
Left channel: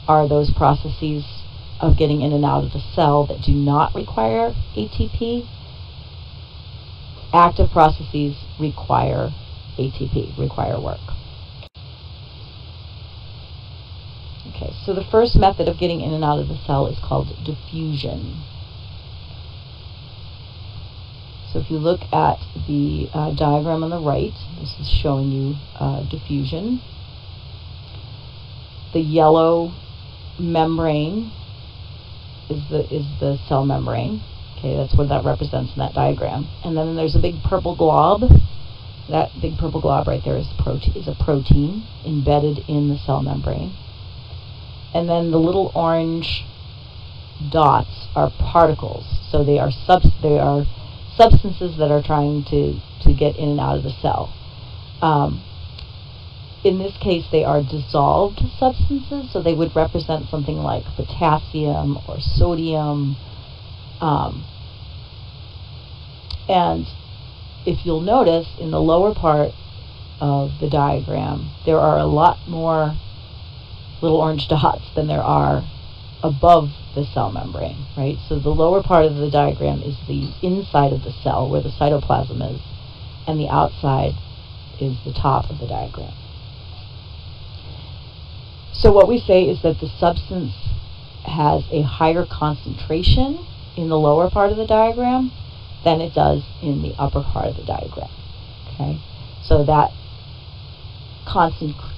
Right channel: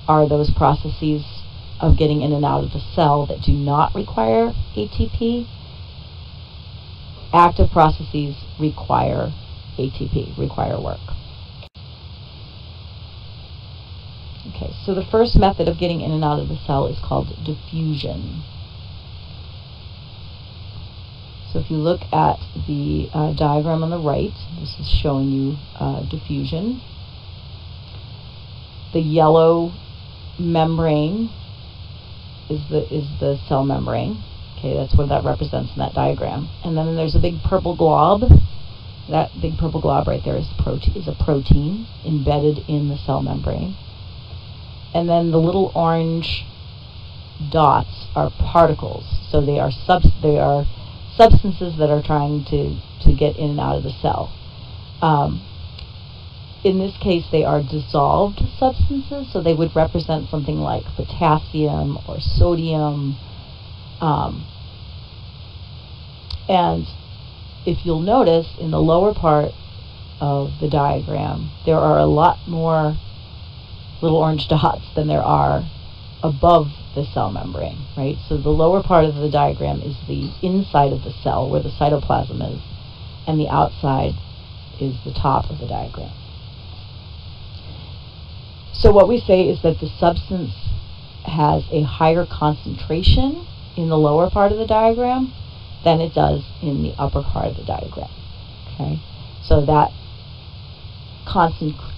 are those processes of getting in and out of the cell that do not require ATP. Active processes require ATP, require work. Okay, so the first method of getting in and out of the cell is called diffusion. So if you look at the diagram on the right, this is showing you diffusion. The yellow membrane is the cell membrane. Okay, that's what that represents in that diagram. And then there's a big purple glob. That big purple glob right there is a protein embedded in the cell membrane. And then the little orange dots are particles. So they are substances that are trying to get in and out of the cell. In this case, they are dissolved substances, so they would represent something like potassium or sodium. And if you'll notice, in the lower part of the diagram, there are a lot more little orange dots than there are above the cell membrane, right? So the lower part of the diagram is the inside of the cell, where the cytoplasm is, and the outside is the top of the diagram. So what we say is that the substance has a higher concentration in the lower part of the diagram than it does in the upper part of the diagram. Okay, so that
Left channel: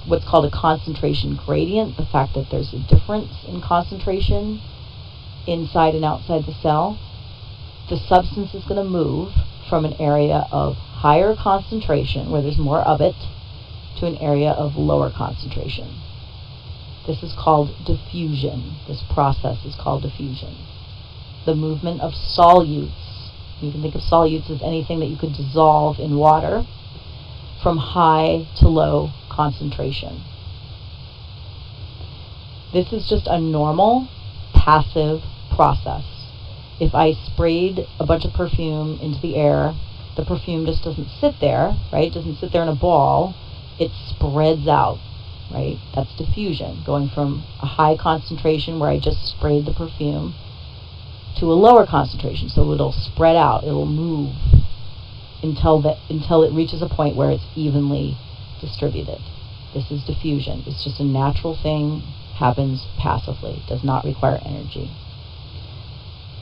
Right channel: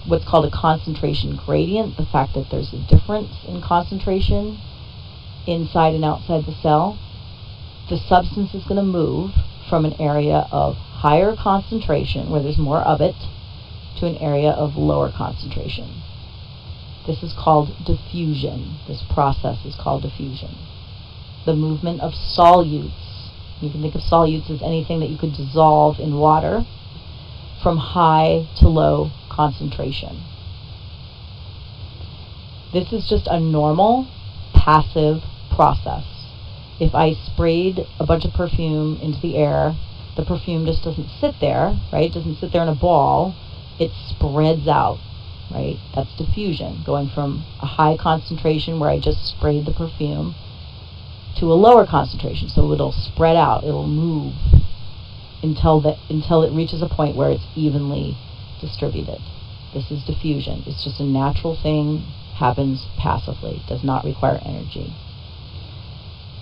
what's called a concentration gradient, the fact that there's a difference in concentration inside and outside the cell. The substance is going to move from an area of higher concentration, where there's more of it, to an area of lower concentration. This is called diffusion. This process is called diffusion. The movement of solutes, you can think of solutes as anything that you could dissolve in water, from high to low concentration. This is just a normal, passive process. If I sprayed a bunch of perfume into the air, the perfume just doesn't sit there, right? It doesn't sit there in a ball. It spreads out, right? That's diffusion, going from a high concentration where I just sprayed the perfume to a lower concentration. So it'll spread out, it'll move until it reaches a point where it's evenly distributed. This is diffusion. It's just a natural thing, happens passively, does not require energy.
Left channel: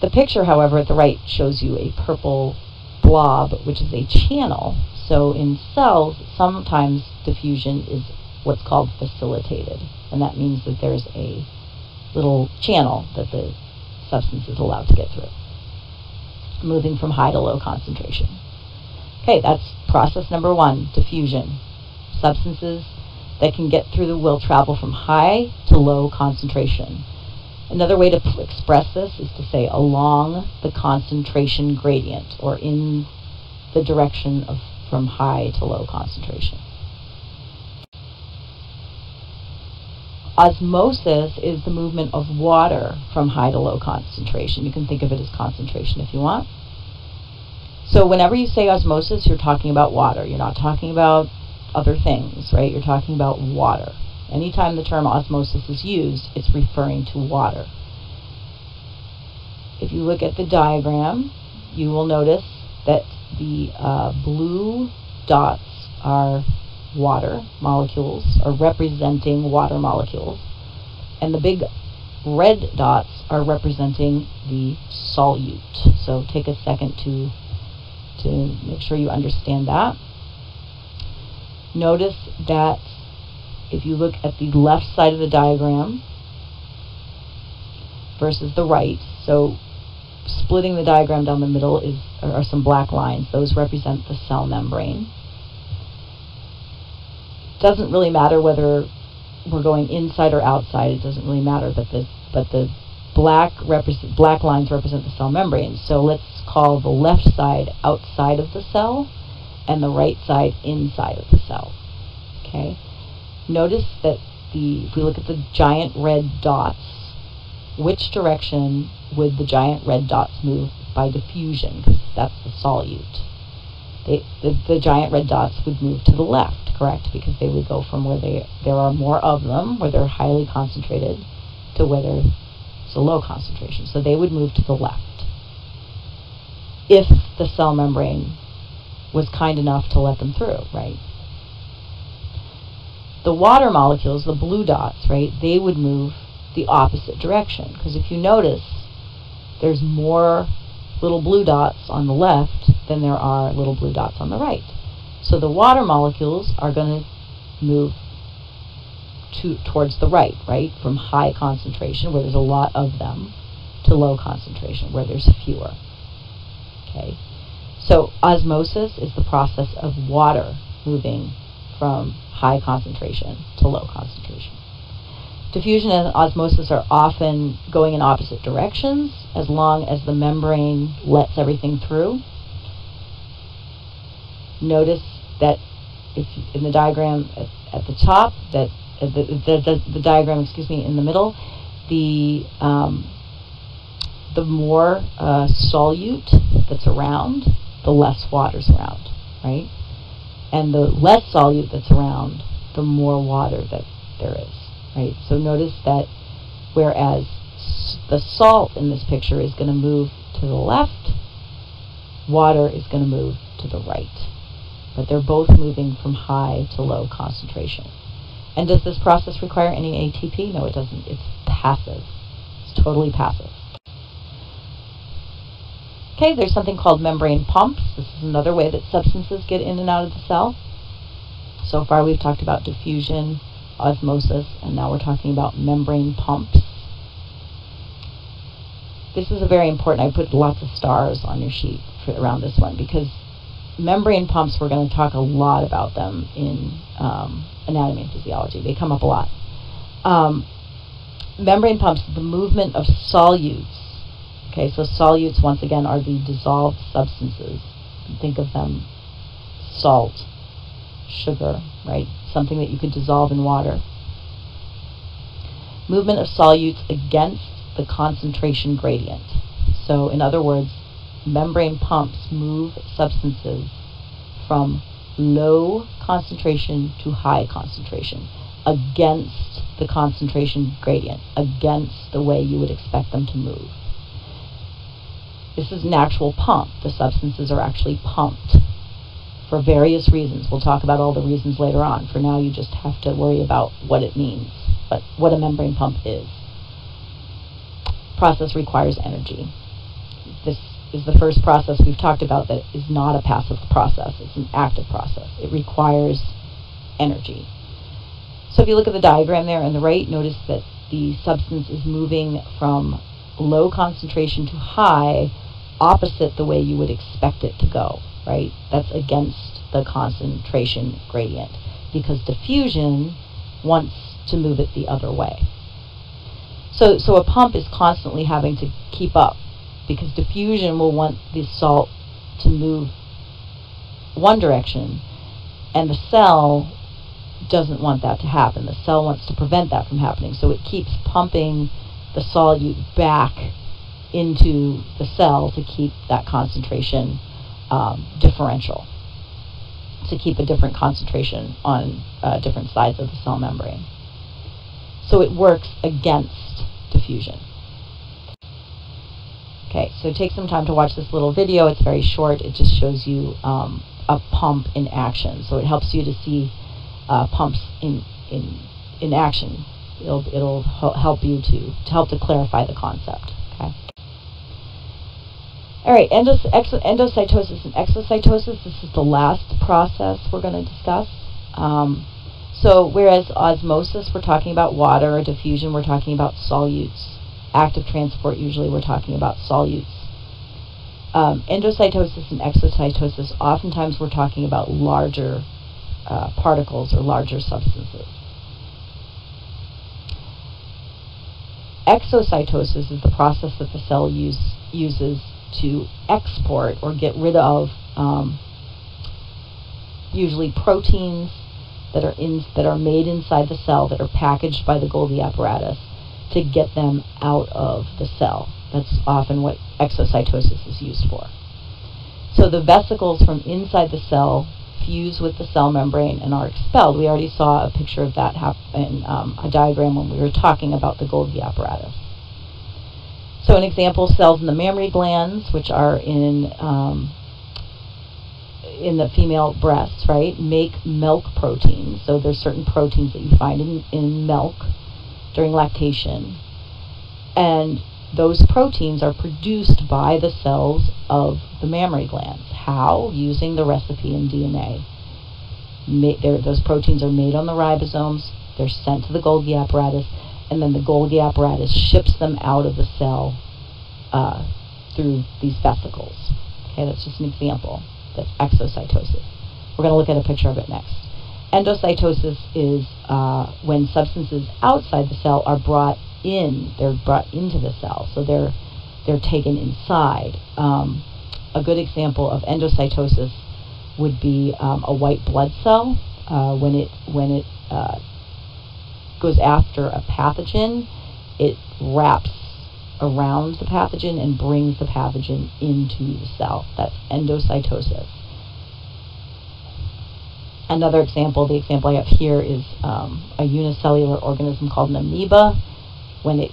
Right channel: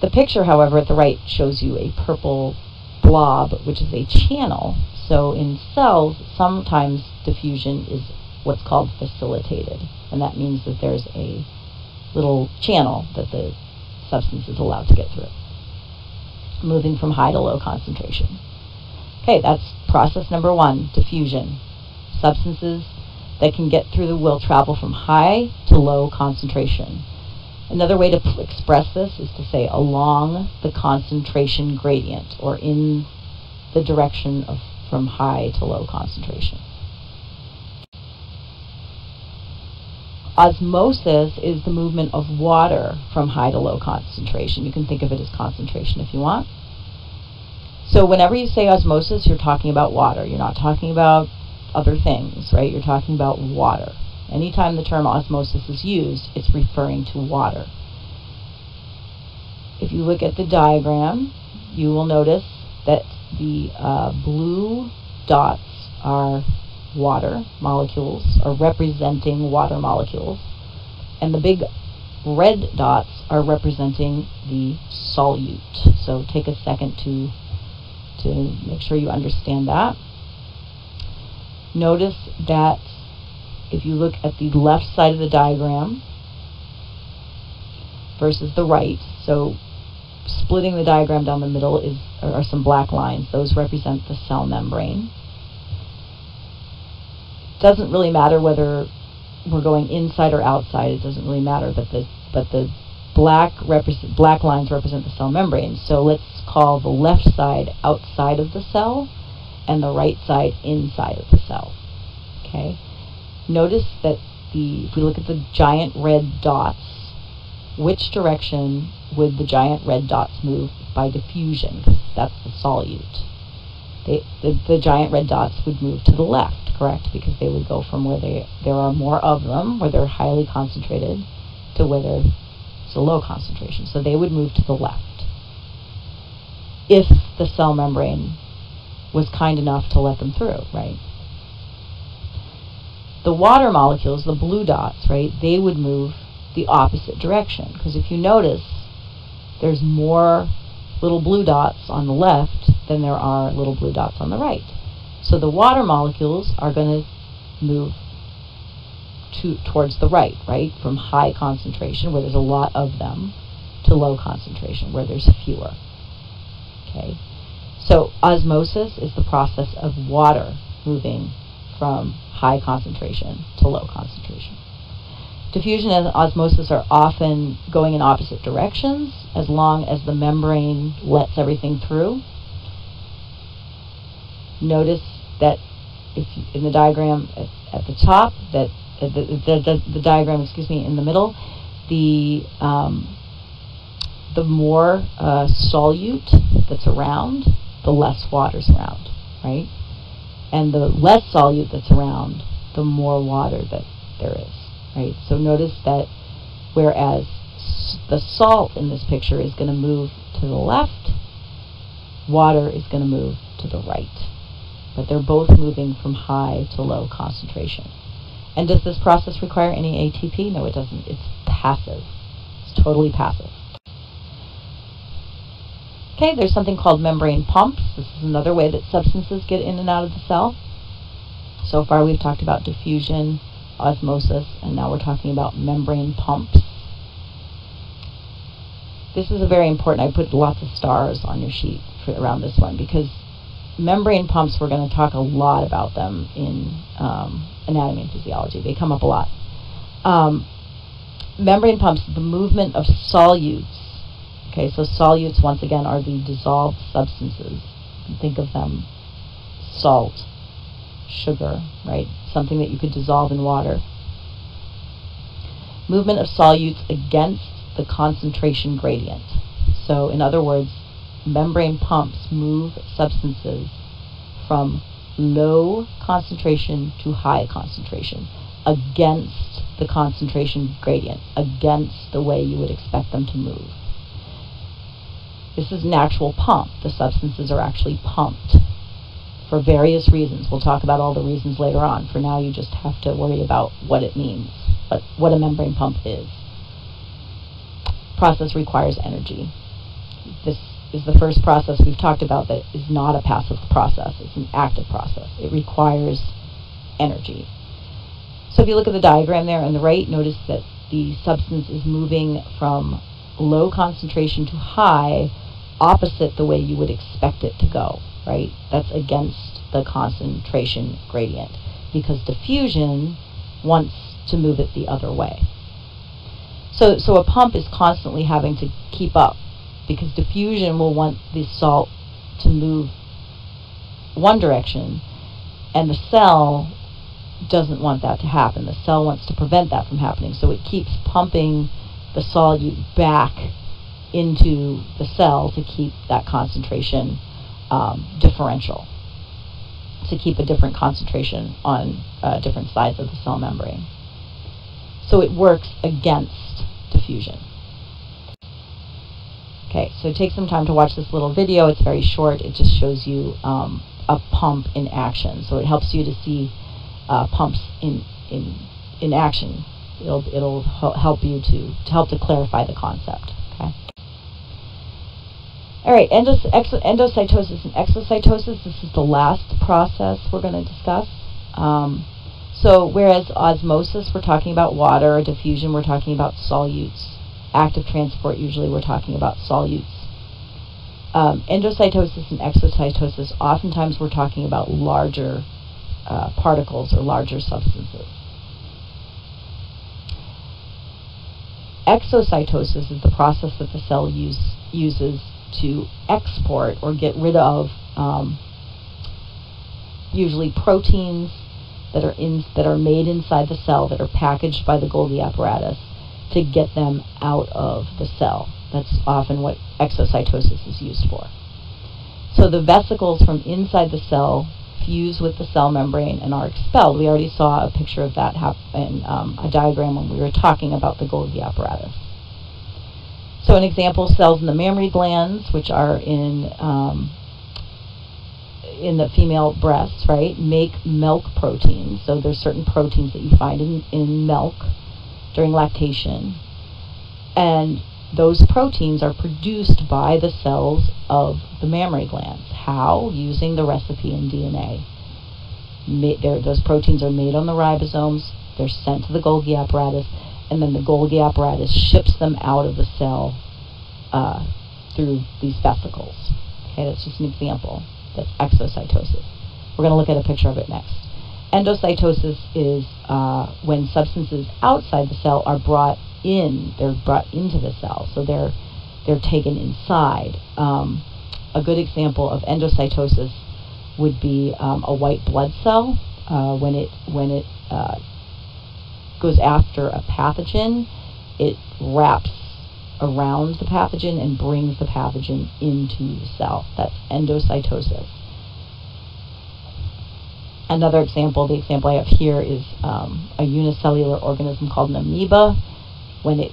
The picture, however, at the right shows you a purple blob, which is a channel. So in cells, sometimes diffusion is what's called facilitated, and that means that there's a little channel that the substance is allowed to get through, moving from high to low concentration. Okay, that's process number one, diffusion. Substances that can get through will travel from high to low concentration. Another way to express this is to say along the concentration gradient, or in the direction of from high to low concentration. Osmosis is the movement of water from high to low concentration. You can think of it as concentration if you want. So whenever you say osmosis, you're talking about water. You're not talking about other things, right? You're talking about water. Anytime the term osmosis is used, it's referring to water. If you look at the diagram, you will notice that the blue dots are water molecules, are representing water molecules, and the big red dots are representing the solute. So take a second to make sure you understand that. Notice that if you look at the left side of the diagram versus the right, so splitting the diagram down the middle are some black lines. Those represent the cell membrane. Doesn't really matter whether we're going inside or outside. It doesn't really matter. But the black lines represent the cell membrane. So let's call the left side outside of the cell and the right side inside of the cell. Okay. Notice that if we look at the giant red dots, which direction would the giant red dots move by diffusion? Because that's the solute. The giant red dots would move to the left, correct? Because they would go from where there are more of them, where they're highly concentrated, to where there's a low concentration. So they would move to the left if the cell membrane was kind enough to let them through, right? The water molecules, the blue dots, right, they would move the opposite direction. Because if you notice, there's more little blue dots on the left than there are little blue dots on the right. So the water molecules are going to move towards the right, from high concentration, where there's a lot of them, to low concentration, where there's fewer. Okay. So osmosis is the process of water moving from high concentration to low concentration. Diffusion and osmosis are often going in opposite directions as long as the membrane lets everything through. Notice that if in the diagram at the top, that the diagram, in the middle, the more solute that's around, the less water's around, right? And the less solute that's around, the more water that there is, right? So notice that whereas the salt in this picture is going to move to the left, water is going to move to the right. But they're both moving from high to low concentration. And does this process require any ATP? No, it doesn't. It's passive. It's totally passive. Okay, there's something called membrane pumps. This is another way that substances get in and out of the cell. So far we've talked about diffusion, osmosis, and now we're talking about membrane pumps. This is a very important, I put lots of stars on your sheet around this one, because membrane pumps, we're going to talk a lot about them in anatomy and physiology. They come up a lot. Membrane pumps, the movement of solutes. Okay, so solutes, once again, are the dissolved substances. You can think of them salt, sugar, right? Something that you could dissolve in water. Movement of solutes against the concentration gradient. So, in other words, membrane pumps move substances from low concentration to high concentration against the concentration gradient, against the way you would expect them to move. This is an actual pump. The substances are actually pumped for various reasons. We'll talk about all the reasons later on. For now, you just have to worry about what it means, what a membrane pump is. Process requires energy. This is the first process we've talked about that is not a passive process. It's an active process. It requires energy. So if you look at the diagram there on the right, notice that the substance is moving from low concentration to high, opposite the way you would expect it to go, right? That's against the concentration gradient, because diffusion wants to move it the other way. So a pump is constantly having to keep up, because diffusion will want the salt to move one direction, and the cell doesn't want that to happen. The cell wants to prevent that from happening, so it keeps pumping the solute back into the cell to keep that concentration differential, to keep a different concentration on different sides of the cell membrane. So it works against diffusion. Okay, so take some time to watch this little video. It's very short. It just shows you a pump in action. So it helps you to see pumps in action. It'll help you to clarify the concept. Okay. All right, endocytosis and exocytosis. This is the last process we're going to discuss. So whereas osmosis, we're talking about water, or diffusion, we're talking about solutes. Active transport, usually we're talking about solutes. Endocytosis and exocytosis, oftentimes we're talking about larger particles or larger substances. Exocytosis is the process that the cell uses to export or get rid of usually proteins that are made inside the cell, that are packaged by the Golgi apparatus, to get them out of the cell. That's often what exocytosis is used for. So the vesicles from inside the cell fuse with the cell membrane and are expelled. We already saw a picture of that in a diagram when we were talking about the Golgi apparatus. So an example, cells in the mammary glands, which are in the female breasts, right, make milk proteins. So there's certain proteins that you find in milk during lactation, and those proteins are produced by the cells of the mammary glands. How? Using the recipe in DNA. Those proteins are made on the ribosomes, they're sent to the Golgi apparatus, and then the Golgi apparatus ships them out of the cell through these vesicles. Okay, that's just an example. That's exocytosis. We're going to look at a picture of it next. Endocytosis is when substances outside the cell are brought in. They're brought into the cell, so they're taken inside. A good example of endocytosis would be a white blood cell. When it goes after a pathogen, it wraps around the pathogen and brings the pathogen into the cell. That's endocytosis. Another example, the example I have here, is a unicellular organism called an amoeba. When it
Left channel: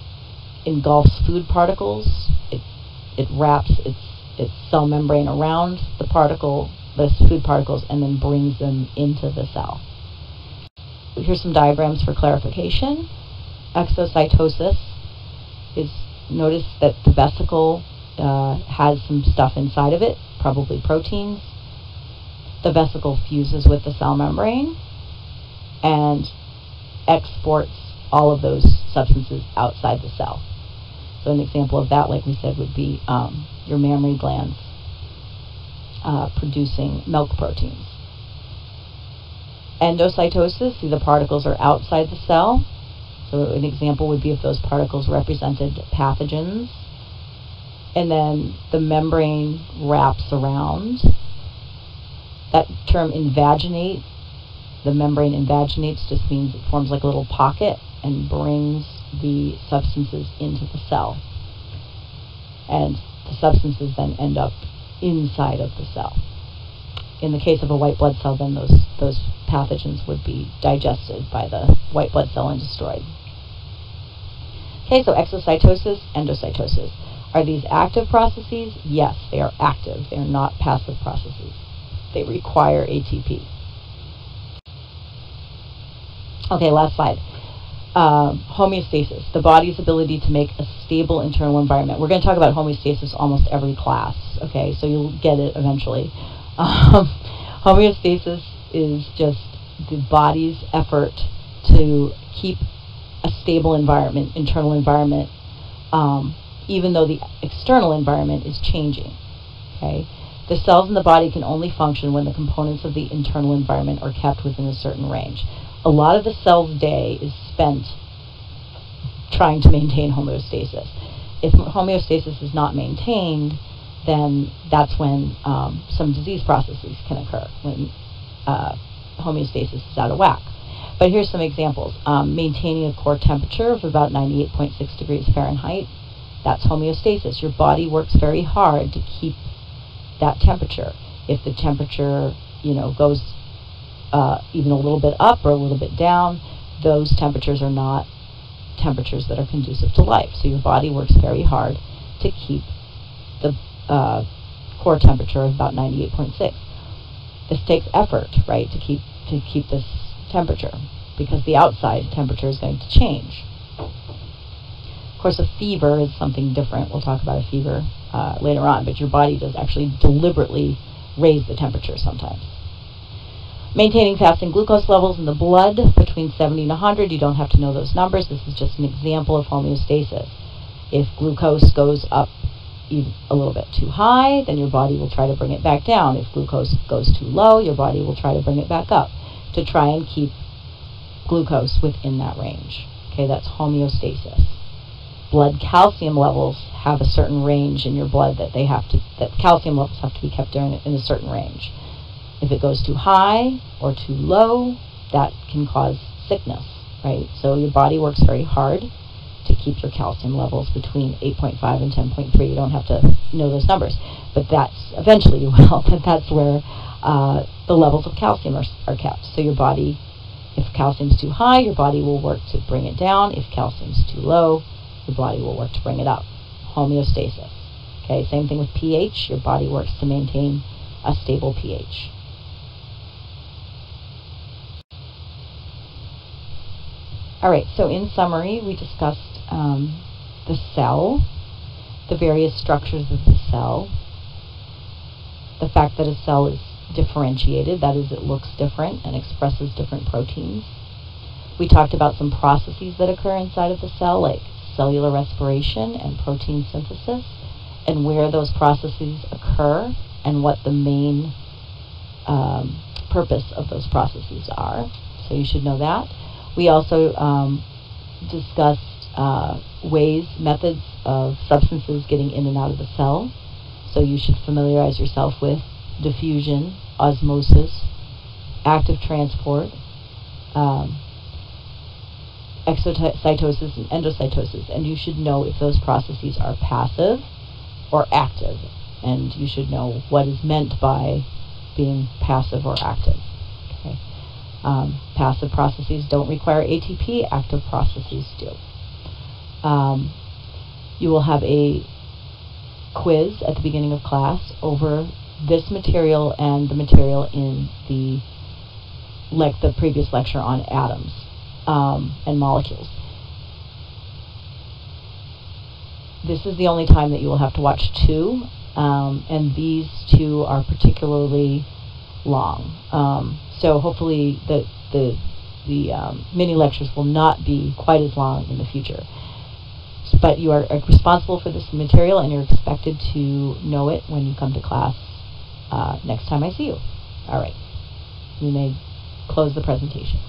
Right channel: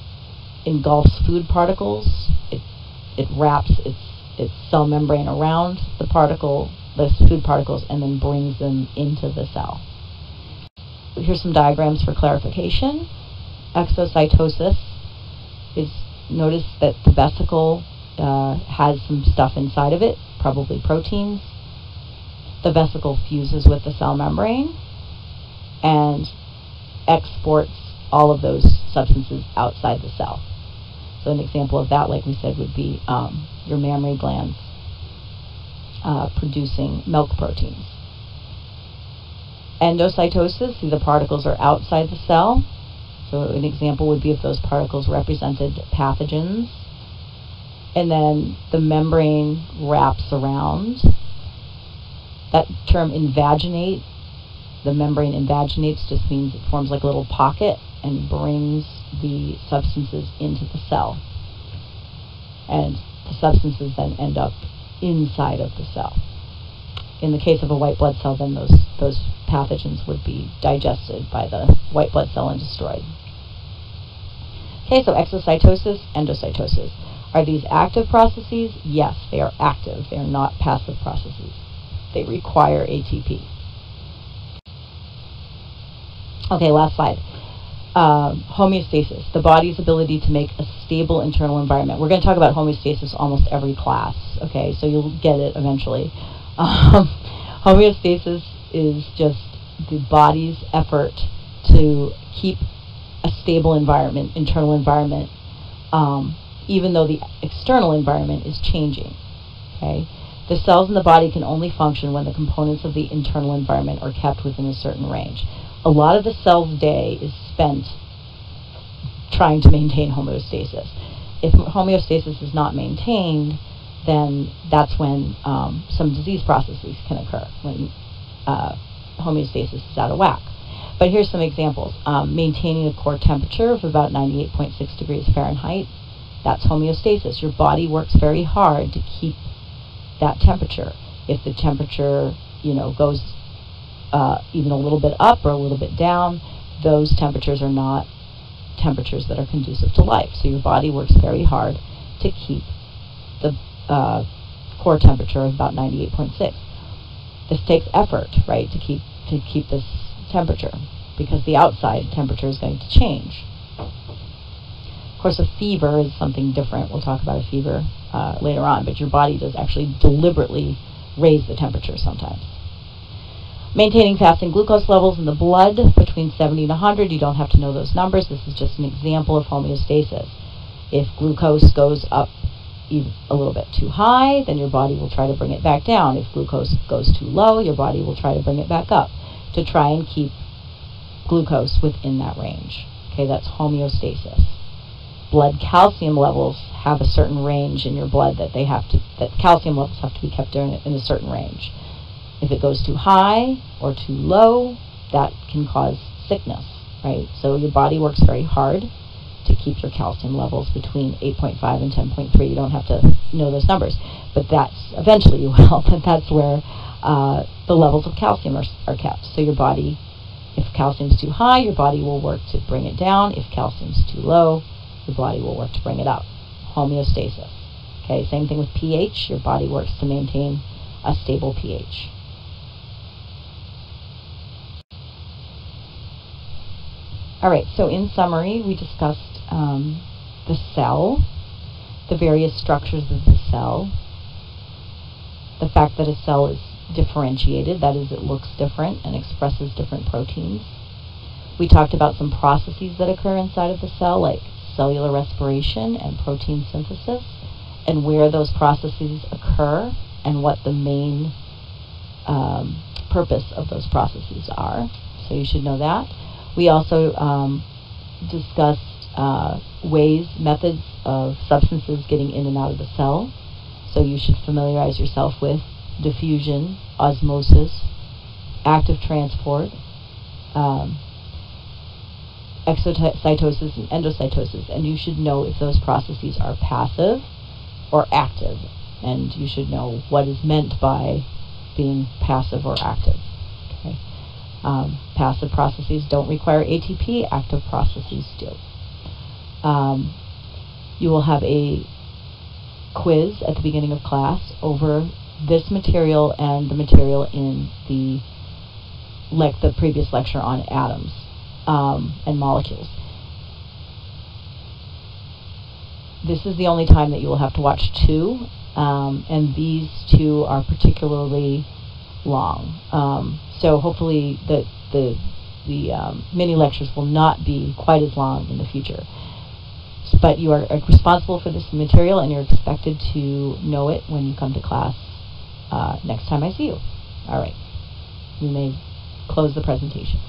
engulfs food particles, it wraps its cell membrane around the food particles, and then brings them into the cell. Here's some diagrams for clarification. Exocytosis is, notice that the vesicle has some stuff inside of it, probably proteins. The vesicle fuses with the cell membrane, and exports all of those substances outside the cell. So an example of that, like we said, would be your mammary glands producing milk proteins. Endocytosis, see, the particles are outside the cell. So an example would be if those particles represented pathogens. And then the membrane wraps around. That term invaginate, the membrane invaginates, just means it forms like a little pocket and brings the substances into the cell. And the substances then end up inside of the cell. In the case of a white blood cell, then those pathogens would be digested by the white blood cell and destroyed. Okay, so exocytosis, endocytosis. Are these active processes? Yes, they are active. They are not passive processes. They require ATP. Okay, last slide. Homeostasis, the body's ability to make a stable internal environment. We're going to talk about homeostasis almost every class, okay, so you'll get it eventually. Homeostasis is just the body's effort to keep a stable environment, internal environment, even though the external environment is changing, okay? The cells in the body can only function when the components of the internal environment are kept within a certain range. A lot of the cell's day is spent trying to maintain homeostasis. If homeostasis is not maintained, then that's when some disease processes can occur, when homeostasis is out of whack. But here's some examples. Maintaining a core temperature of about 98.6 degrees Fahrenheit, that's homeostasis. Your body works very hard to keep that temperature. If the temperature, goes even a little bit up or a little bit down, those temperatures are not temperatures that are conducive to life. So your body works very hard to keep the core temperature of about 98.6. This takes effort, right, to keep this temperature, because the outside temperature is going to change. Of course, a fever is something different. We'll talk about a fever later on, but your body does actually deliberately raise the temperature sometimes. Maintaining fasting glucose levels in the blood between 70 and 100. You don't have to know those numbers. This is just an example of homeostasis. If glucose goes up a little bit too high, then your body will try to bring it back down. If glucose goes too low, your body will try to bring it back up to try and keep glucose within that range. Okay, that's homeostasis. Blood calcium levels have a certain range in your blood that calcium levels have to be kept in a certain range. If it goes too high or too low, that can cause sickness, right? So your body works very hard to keep your calcium levels between 8.5 and 10.3. You don't have to know those numbers, but eventually you will, but that's where the levels of calcium are kept. So your body, if calcium's too high, your body will work to bring it down. If calcium's too low, your body will work to bring it up. Homeostasis. Okay, same thing with pH. Your body works to maintain a stable pH. All right, so in summary, we discussed the cell, the various structures of the cell, the fact that a cell is differentiated, that is, it looks different and expresses different proteins. We talked about some processes that occur inside of the cell, like cellular respiration and protein synthesis, and where those processes occur and what the main purpose of those processes are. So you should know that. We also discussed methods of substances getting in and out of the cell. So you should familiarize yourself with diffusion, osmosis, active transport, exocytosis and endocytosis, and you should know if those processes are passive or active, and you should know what is meant by being passive or active. Okay. Passive processes don't require ATP, active processes do. You will have a quiz at the beginning of class over this material and the material in the previous lecture on atoms and molecules. This is the only time that you will have to watch two, and these two are particularly long. So hopefully the mini lectures will not be quite as long in the future. But you are responsible for this material, and you're expected to know it when you come to class next time I see you. All right. You may close the presentation.